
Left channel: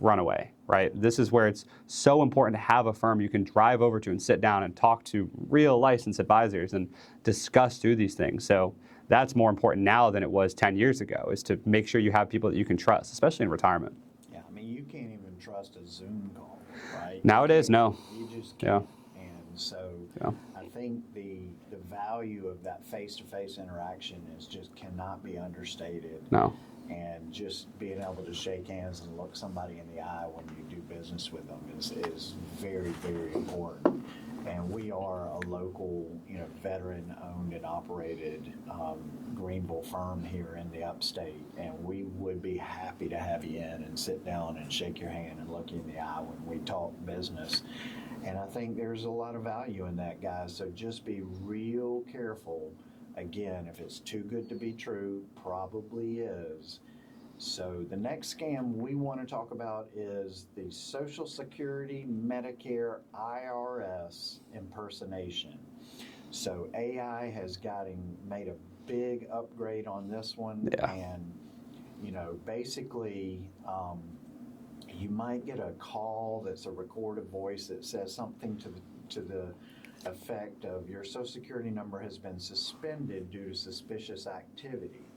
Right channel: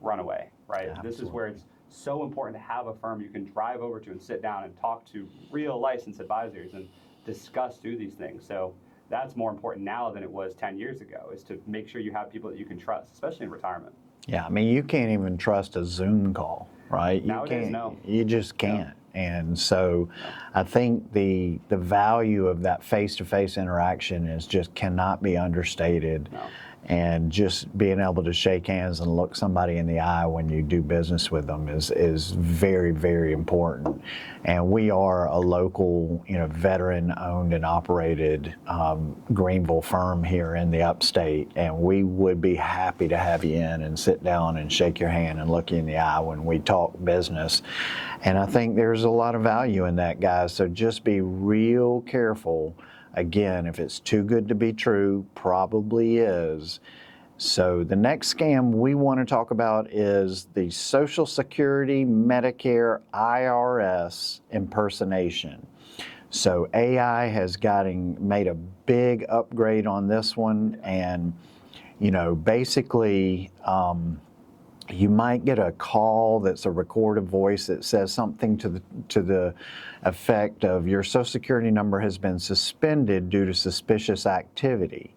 Run away, right? Yeah. This is where it's so important to have a firm you can drive over to and sit down and talk to real licensed advisors and discuss through these things. So that's more important now than it was 10 years ago, is to make sure you have people that you can trust, especially in retirement. Yeah, I mean, you can't even trust a Zoom call, right? Nowadays, no. You just can't. Yeah. And so I think the value of that face-to-face interaction cannot be understated. No. And just being able to shake hands and look somebody in the eye when you do business with them is very, very important. And we are a local, veteran-owned and operated Greenville firm here in the upstate, and we would be happy to have you in and sit down and shake your hand and look you in the eye when we talk business. And I think there's a lot of value in that, guys. So just be real careful. Again, if it's too good to be true, probably is. So the next scam we want to talk about is the Social Security, Medicare, IRS impersonation. So AI has made a big upgrade on this one, and basically you might get a call that's a recorded voice that says something to the effect of, your Social Security number has been suspended due to suspicious activity,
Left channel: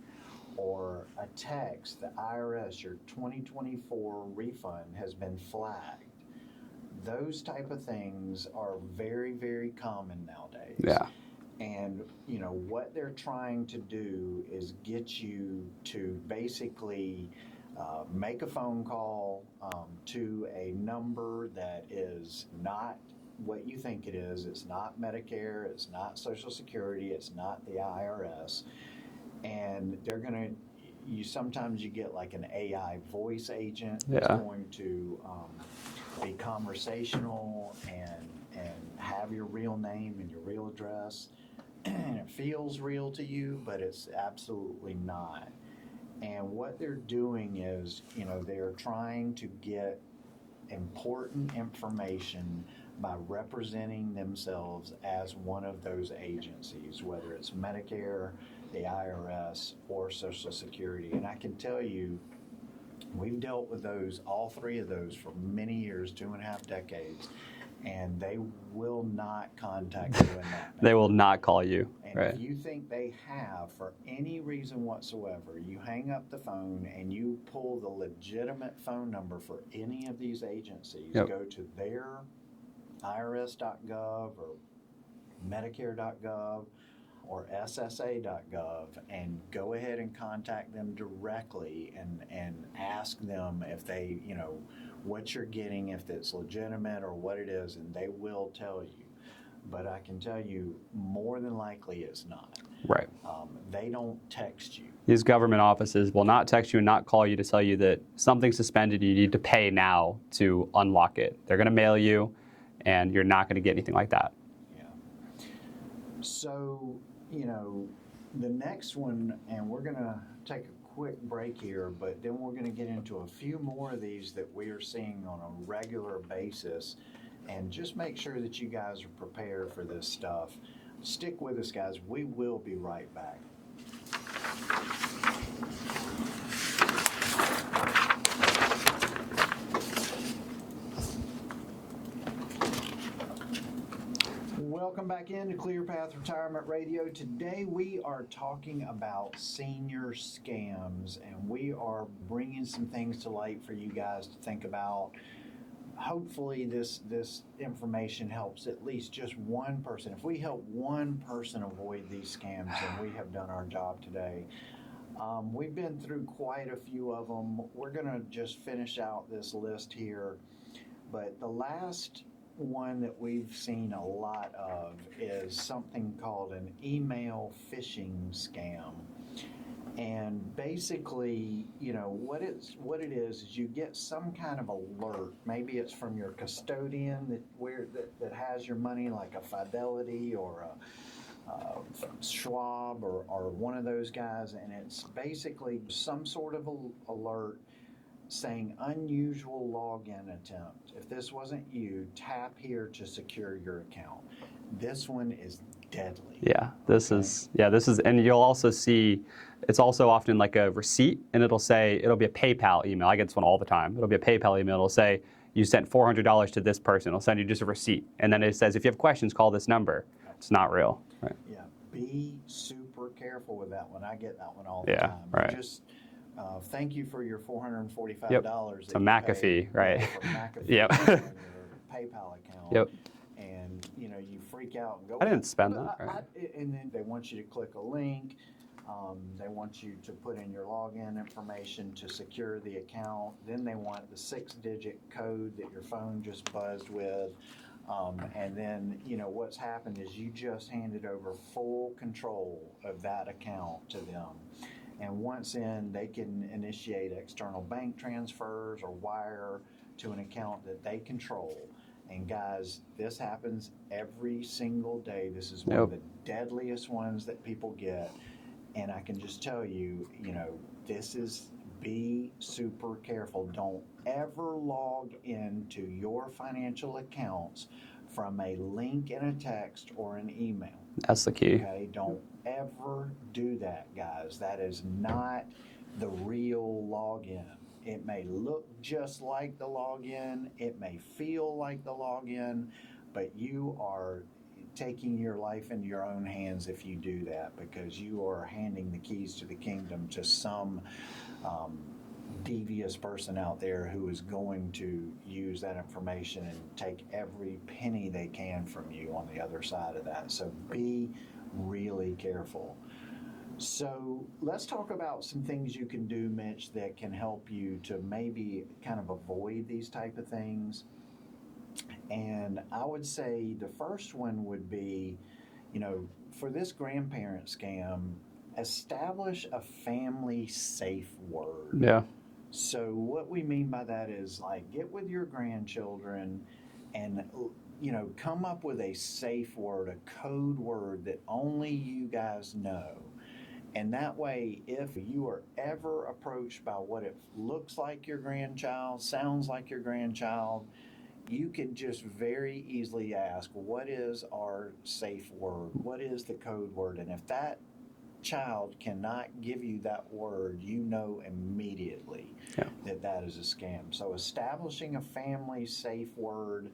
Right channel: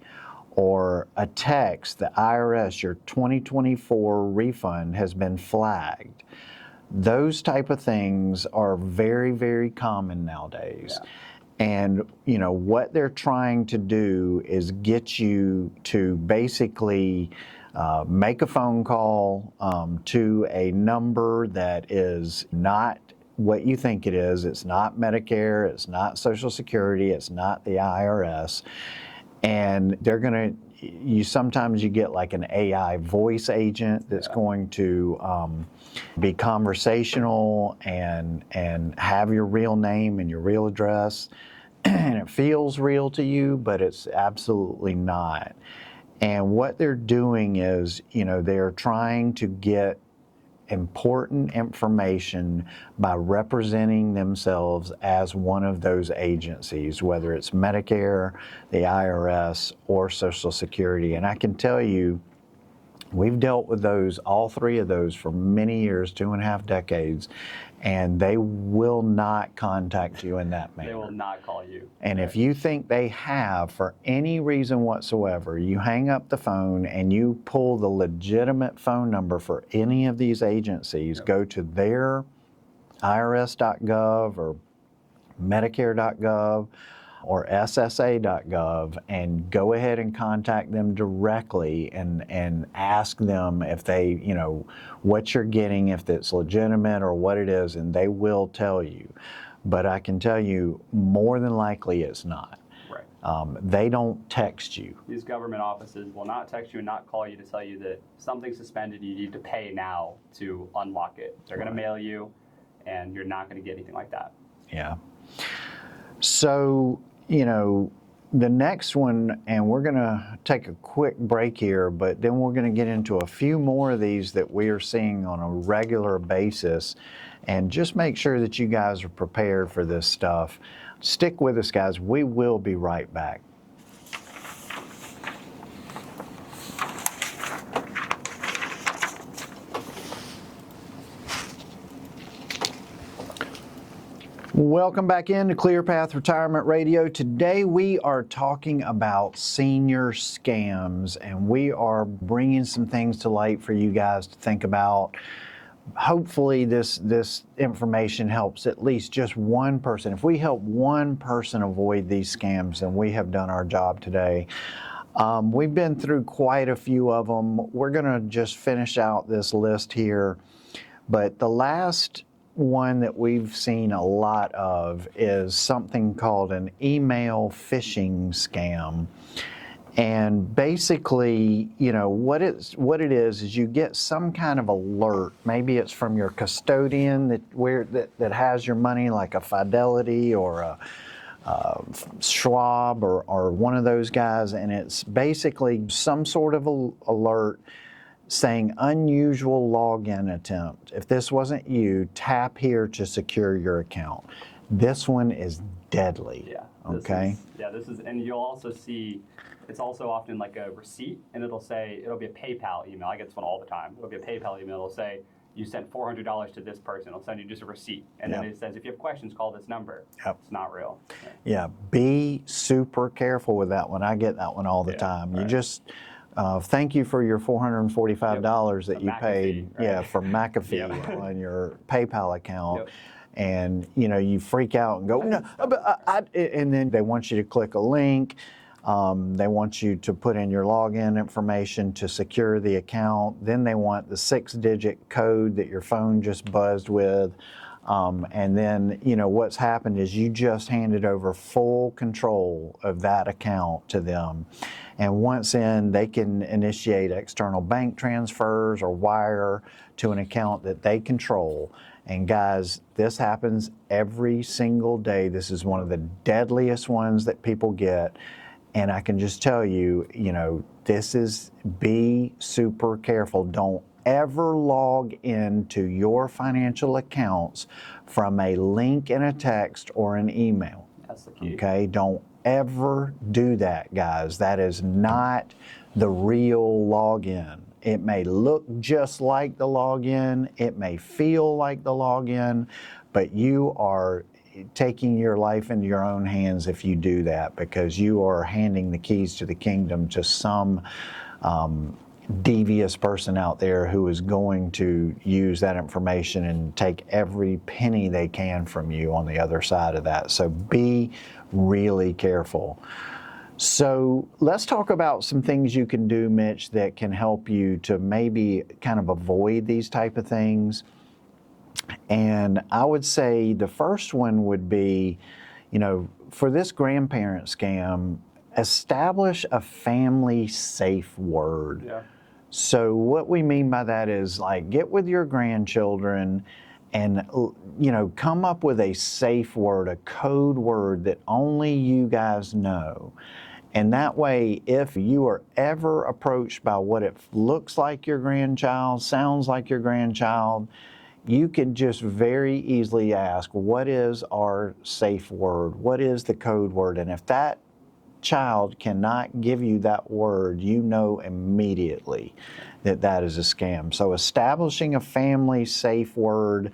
or a text, the IRS, your 2024 refund has been flagged. Those type of things are very, very common nowadays. Yeah. And what they're trying to do is get you to basically make a phone call to a number that is not what you think it is. It's not Medicare, it's not Social Security, it's not the IRS. And sometimes you get like an AI voice agent that's going to be conversational and have your real name and your real address. And it feels real to you, but it's absolutely not. And what they're doing is, they're trying to get important information by representing themselves as one of those agencies, whether it's Medicare, the IRS, or Social Security. And I can tell you, we've dealt with those, all three of those, for many years, 2.5 decades, and they will not contact you in that manner. They will not call you. And right. if you think they have, for any reason whatsoever, you hang up the phone and you pull the legitimate phone number for any of these agencies, Yep. go to their irs.gov or medicare.gov or ssa.gov and go ahead and contact them directly and ask them if they, what you're getting, if it's legitimate or what it is, and they will tell you. But I can tell you, more than likely it's not. Right. They don't text you. These government offices will not text you and not call you to tell you that something's suspended, you need to pay now to unlock it. They're going to mail you, and you're not going to get anything like that. Yeah. So, the next one, and we're going to take a quick break here, but then we're going to get into a few more of these that we are seeing on a regular basis, and just make sure that you guys are prepared for this stuff. Stick with us, guys. We will be right back. Welcome back into ClearPath Retirement Radio. Today we are talking about senior scams, and we are bringing some things to light for you guys to think about. Hopefully this information helps at least just one person. If we help one person avoid these scams, then we have done our job today. We've been through quite a few of them. We're going to just finish out this list here, but the last one that we've seen a lot of is something called an email phishing scam. And basically, what it is you get some kind of alert. Maybe it's from your custodian that has your money, like a Fidelity or a Schwab or one of those guys, and it's basically some sort of alert saying unusual login attempt. If this wasn't you, tap here to secure your account. This one is deadly. Yeah, this is, and you'll also see, it's also often like a receipt, and it'll be a PayPal email. I get this one all the time. It'll be a PayPal email. It'll say, you sent $400 to this person. It'll send you just a receipt. And then it says, if you have questions, call this number. Yep. It's not real. Right. Yeah, be super careful with that one. I get that one all the time. Right. You just, thank you for your $445 that you paid right? For McAfee on your PayPal account. Yep. And you freak out and go, I didn't spend it. and then they want you to click a link. They want you to put in your login information to secure the account. Then they want the 6-digit code that your phone just buzzed with. And then, what's happened is you just handed over full control of that account to them. And once in, they can initiate external bank transfers or wire to an account that they control. And guys, this happens every single day. This is one of the deadliest ones that people get. And I can just tell you, be super careful. Don't ever log into your financial accounts from a link in a text or an email. That's the key. Okay, don't ever do that, guys. That is not the real login. It may look just like the login, it may feel like the login, but you are taking your life into your own hands if you do that, because you are handing the keys to the kingdom to some devious person out there who is going to use that information and take every penny they can from you on the other side of that. So be really careful. So let's talk about some things you can do, Mitch, that can help you to maybe kind of avoid these type of things. And I would say the first one would be, for this grandparent scam, establish a family safe word. Yeah. So what we mean by that is, like, get with your grandchildren and, come up with a safe word, a code word that only you guys know. And that way, if you are ever approached by what it looks like your grandchild, sounds like your grandchild, you can just very easily ask, what is our safe word? What is the code word? And if that child cannot give you that word, you know immediately that that is a scam. So establishing a family safe word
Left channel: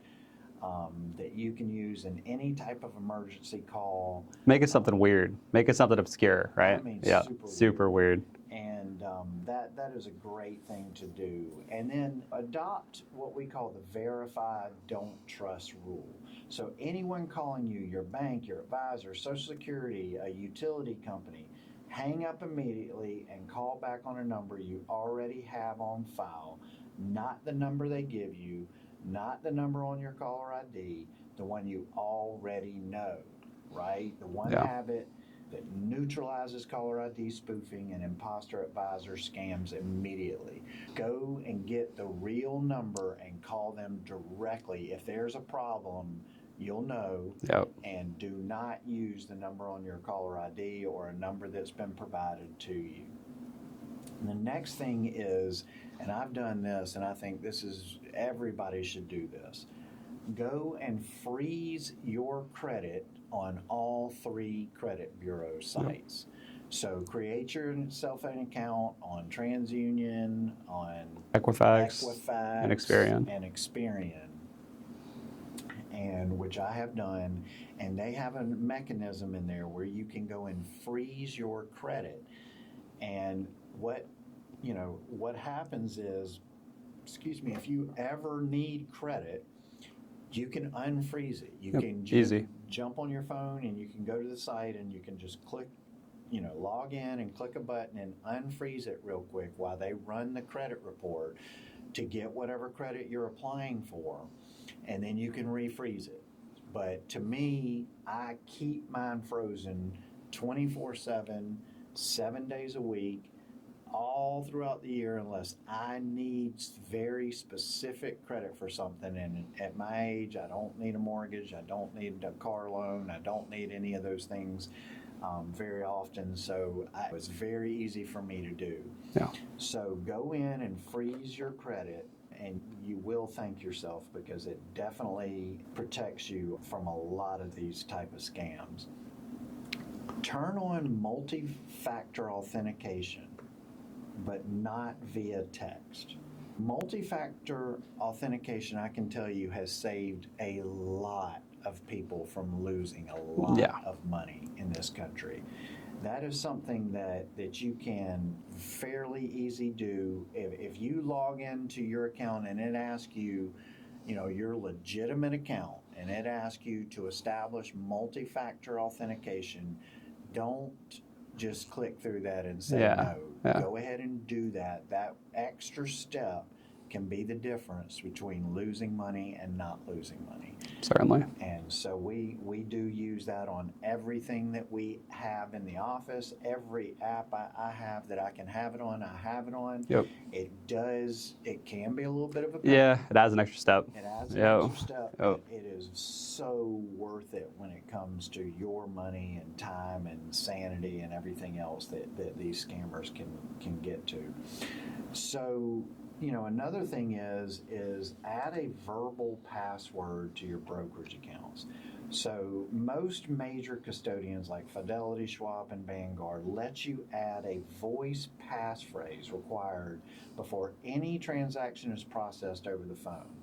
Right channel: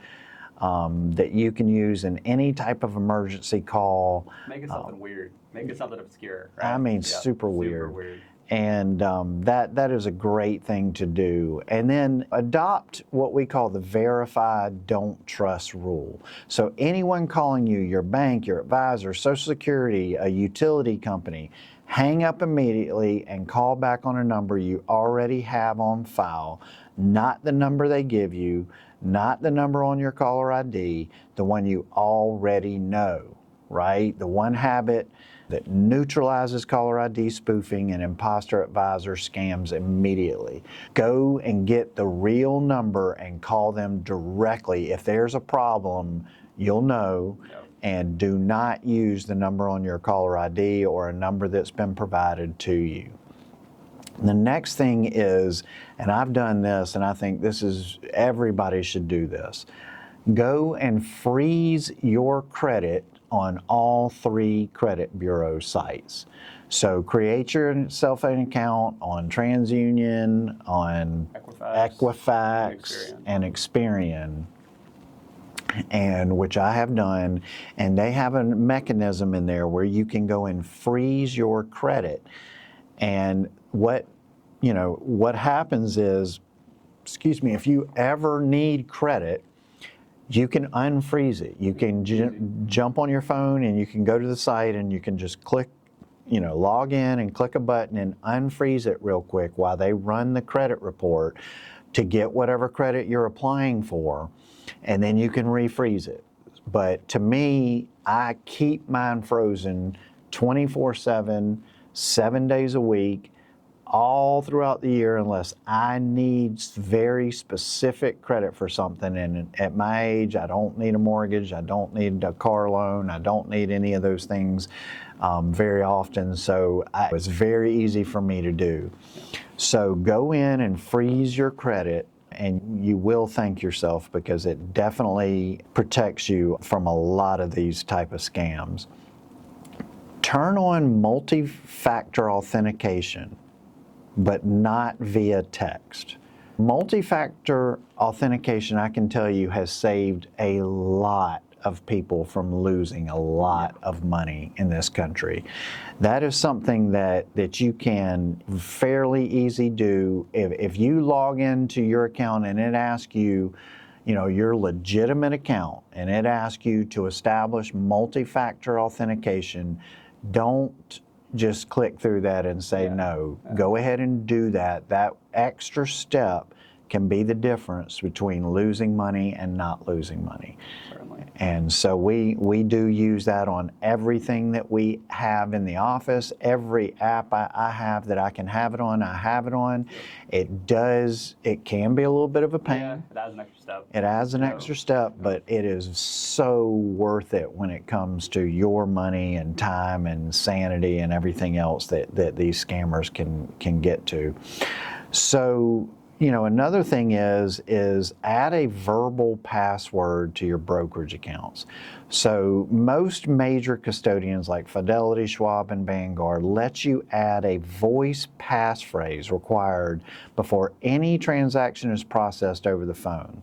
that you can use in any type of emergency call. Make it something weird. Make it something obscure, right? I mean, super weird. Super weird. And that is a great thing to do. And then adopt what we call the verify, don't trust rule. So anyone calling you, your bank, your advisor, Social Security, a utility company, hang up immediately and call back on a number you already have on file, not the number they give you, not the number on your caller ID, the one you already know, right? The one habit that neutralizes caller ID spoofing and imposter advisor scams immediately. Go and get the real number and call them directly. If there's a problem, you'll know, and do not use the number on your caller ID or a number that's been provided to you. The next thing is, and I've done this, and I think this is, everybody should do this, go and freeze your credit on all 3 credit bureau sites. So create yourself an account on TransUnion, on Equifax and Experian, and which I have done, and they have a mechanism in there where you can go and freeze your credit. And what happens is, if you ever need credit, you can unfreeze it. You can jump on your phone and you can go to the site and you can just click, log in and click a button and unfreeze it real quick while they run the credit report to get whatever credit you're applying for, and then you can refreeze it. But to me, I keep mine frozen 24/7, 7 days a week, all throughout the year, unless I need very specific credit for something. And at my age, I don't need a mortgage, I don't need a car loan, I don't need any of those things very often. So it's very easy for me to do. So go in and freeze your credit, and you will thank yourself, because it definitely protects you from a lot of these type of scams. Turn on multi-factor authentication, but not via text. Multi-factor authentication, I can tell you, has saved a lot of people from losing a lot of money in this country. That is something that you can fairly easy do. If you log into your account and it asks you, your legitimate account, and it asks you to establish multi-factor authentication, don't just click through that and say no. Go ahead and do that. That extra step can be the difference between losing money and not losing money. Certainly. And so we do use that on everything that we have in the office. Every app I have that I can have it on, I have it on. It can be a little bit of a pain. Yeah, it adds an extra step. It adds an extra step, but it is so worth it when it comes to your money and time and sanity and everything else that these scammers can get to. So, another thing is add a verbal password to your brokerage accounts. So most major custodians like Fidelity, Schwab, and Vanguard let you add a voice passphrase required before any transaction is processed over the phone.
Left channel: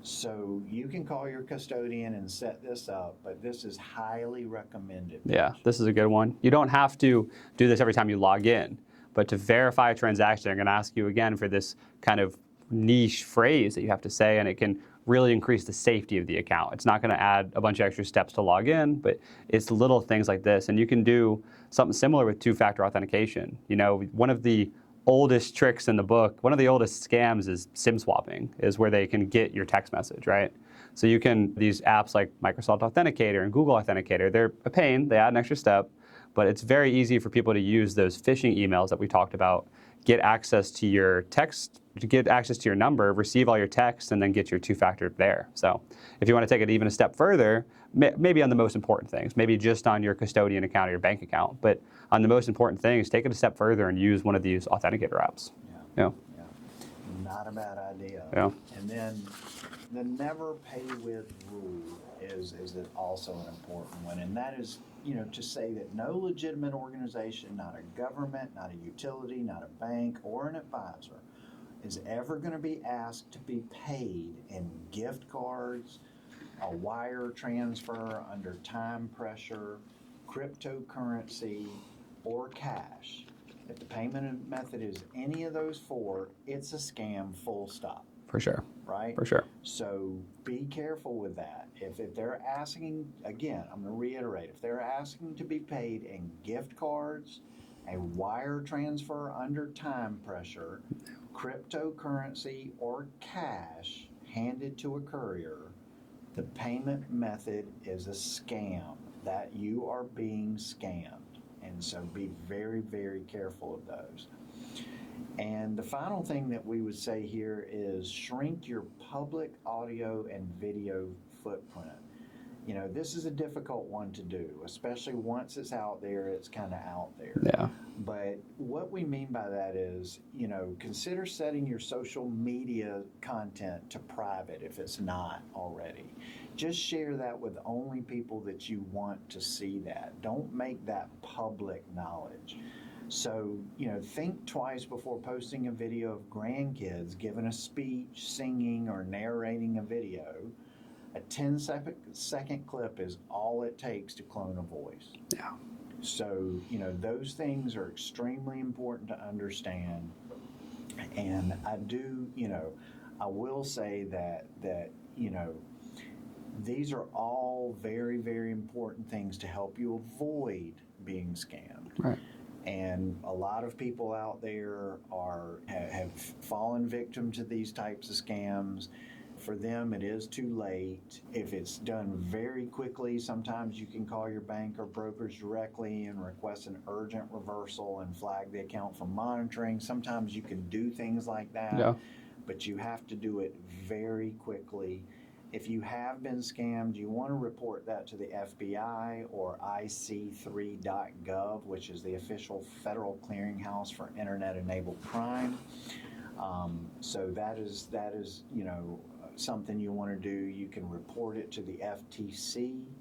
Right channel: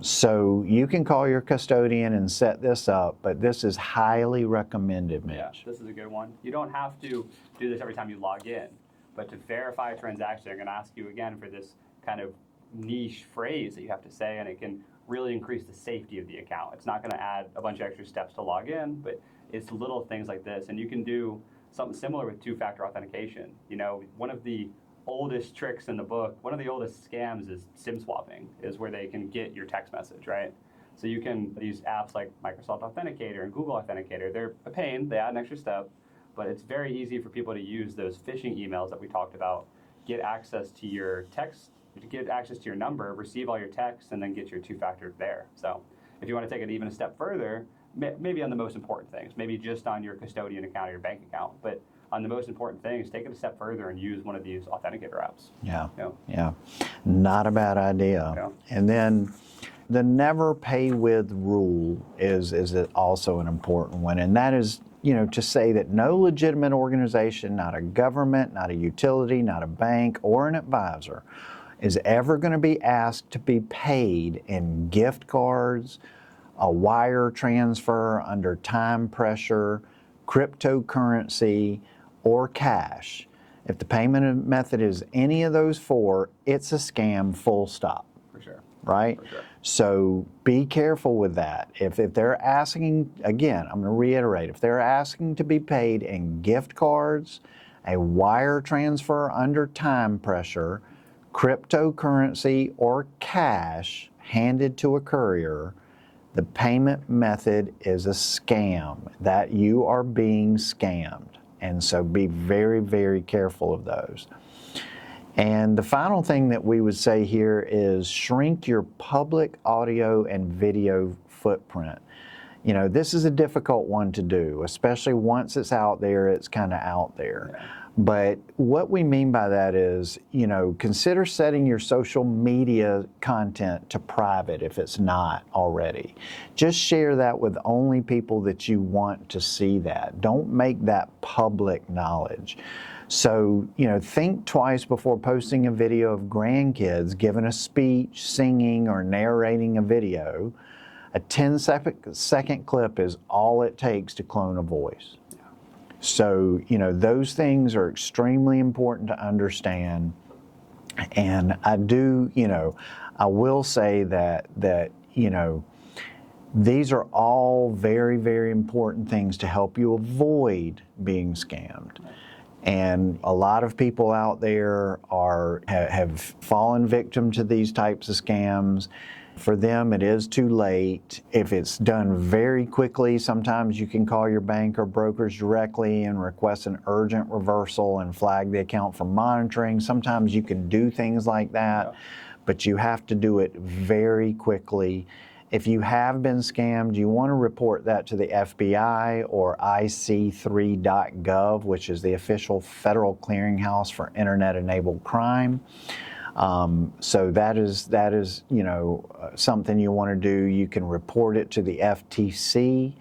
So you can call your custodian and set this up, but this is highly recommended, Mitch. Yeah, this is a good one. You don't have to do this every time you log in. But to verify a transaction, they're going to ask you again for this kind of niche phrase that you have to say, and it can really increase the safety of the account. It's not going to add a bunch of extra steps to log in, but it's little things like this. And you can do something similar with two-factor authentication. One of the oldest tricks in the book, one of the oldest scams is SIM swapping, is where they can get your text message, right? So these apps like Microsoft Authenticator and Google Authenticator, they're a pain, they add an extra step. But it's very easy for people to use those phishing emails that we talked about, get access to your text, to get access to your number, receive all your texts, and then get your two-factor there. So if you want to take it even a step further, maybe on the most important things, maybe just on your custodian account or your bank account, but the most important thing is take it a step further and use one of these authenticator apps. Yeah. Not a bad idea. Yeah. And then the never pay with rule is also an important one, and that is, to say that no legitimate organization, not a government, not a utility, not a bank, or an advisor, is ever going to be asked to be paid in gift cards, a wire transfer under time pressure, cryptocurrency, or cash. If the payment method is any of those four, it's a scam, full stop. For sure. Right? For sure. So be careful with that. If they're asking, again, I'm going to reiterate, if they're asking to be paid in gift cards, a wire transfer under time pressure, cryptocurrency, or cash handed to a courier, the payment method is a scam, that you are being scammed. And so be very, very careful of those. And the final thing that we would say here is shrink your public audio and video footprint. This is a difficult one to do, especially once it's out there, it's kind of out there. Yeah. But what we mean by that is, consider setting your social media content to private if it's not already. Just share that with only people that you want to see that. Don't make that public knowledge. So, think twice before posting a video of grandkids giving a speech, singing, or narrating a video. A 10-second clip is all it takes to clone a voice. Yeah. So, those things are extremely important to understand. And I will say that these are all very, very important things to help you avoid being scammed. Right. And a lot of people out there have fallen victim to these types of scams. For them, it is too late. If it's done very quickly, sometimes you can call your bank or brokers directly and request an urgent reversal and flag the account for monitoring. Sometimes you can do things like that, Yeah. but you have to do it very quickly. If you have been scammed, you want to report that to the FBI or IC3.gov, which is the official federal clearinghouse for internet-enabled crime. So that is something you want to do. You can report it to the FTC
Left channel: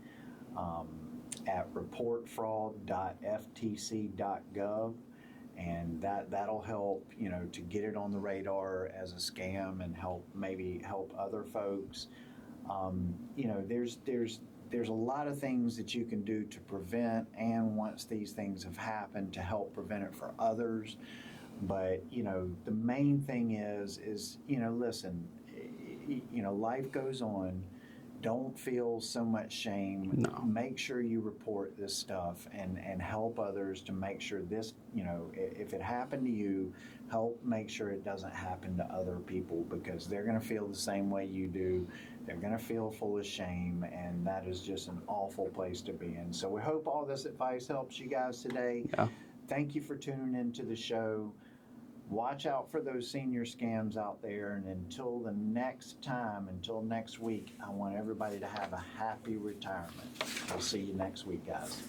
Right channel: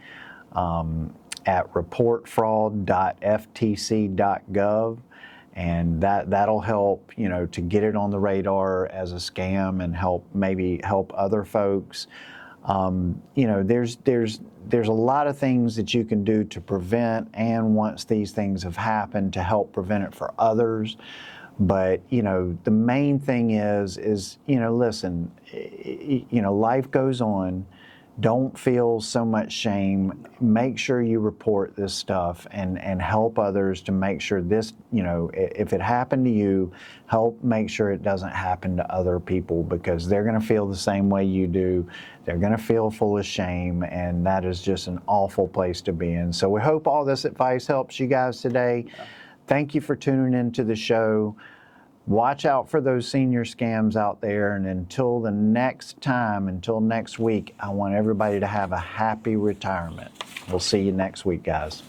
at reportfraud.ftc.gov, and that'll help to get it on the radar as a scam and maybe help other folks. There's a lot of things that you can do to prevent, and once these things have happened, to help prevent it for others. But the main thing is listen, life goes on. Don't feel so much shame. No. Make sure you report this stuff and help others to make sure this, if it happened to you, help make sure it doesn't happen to other people, because they're going to feel the same way you do. They're going to feel full of shame, and that is just an awful place to be in. So we hope all this advice helps you guys today. Yeah. Thank you for tuning into the show. Watch out for those senior scams out there. And until next week, I want everybody to have a happy retirement. We'll see you next week, guys.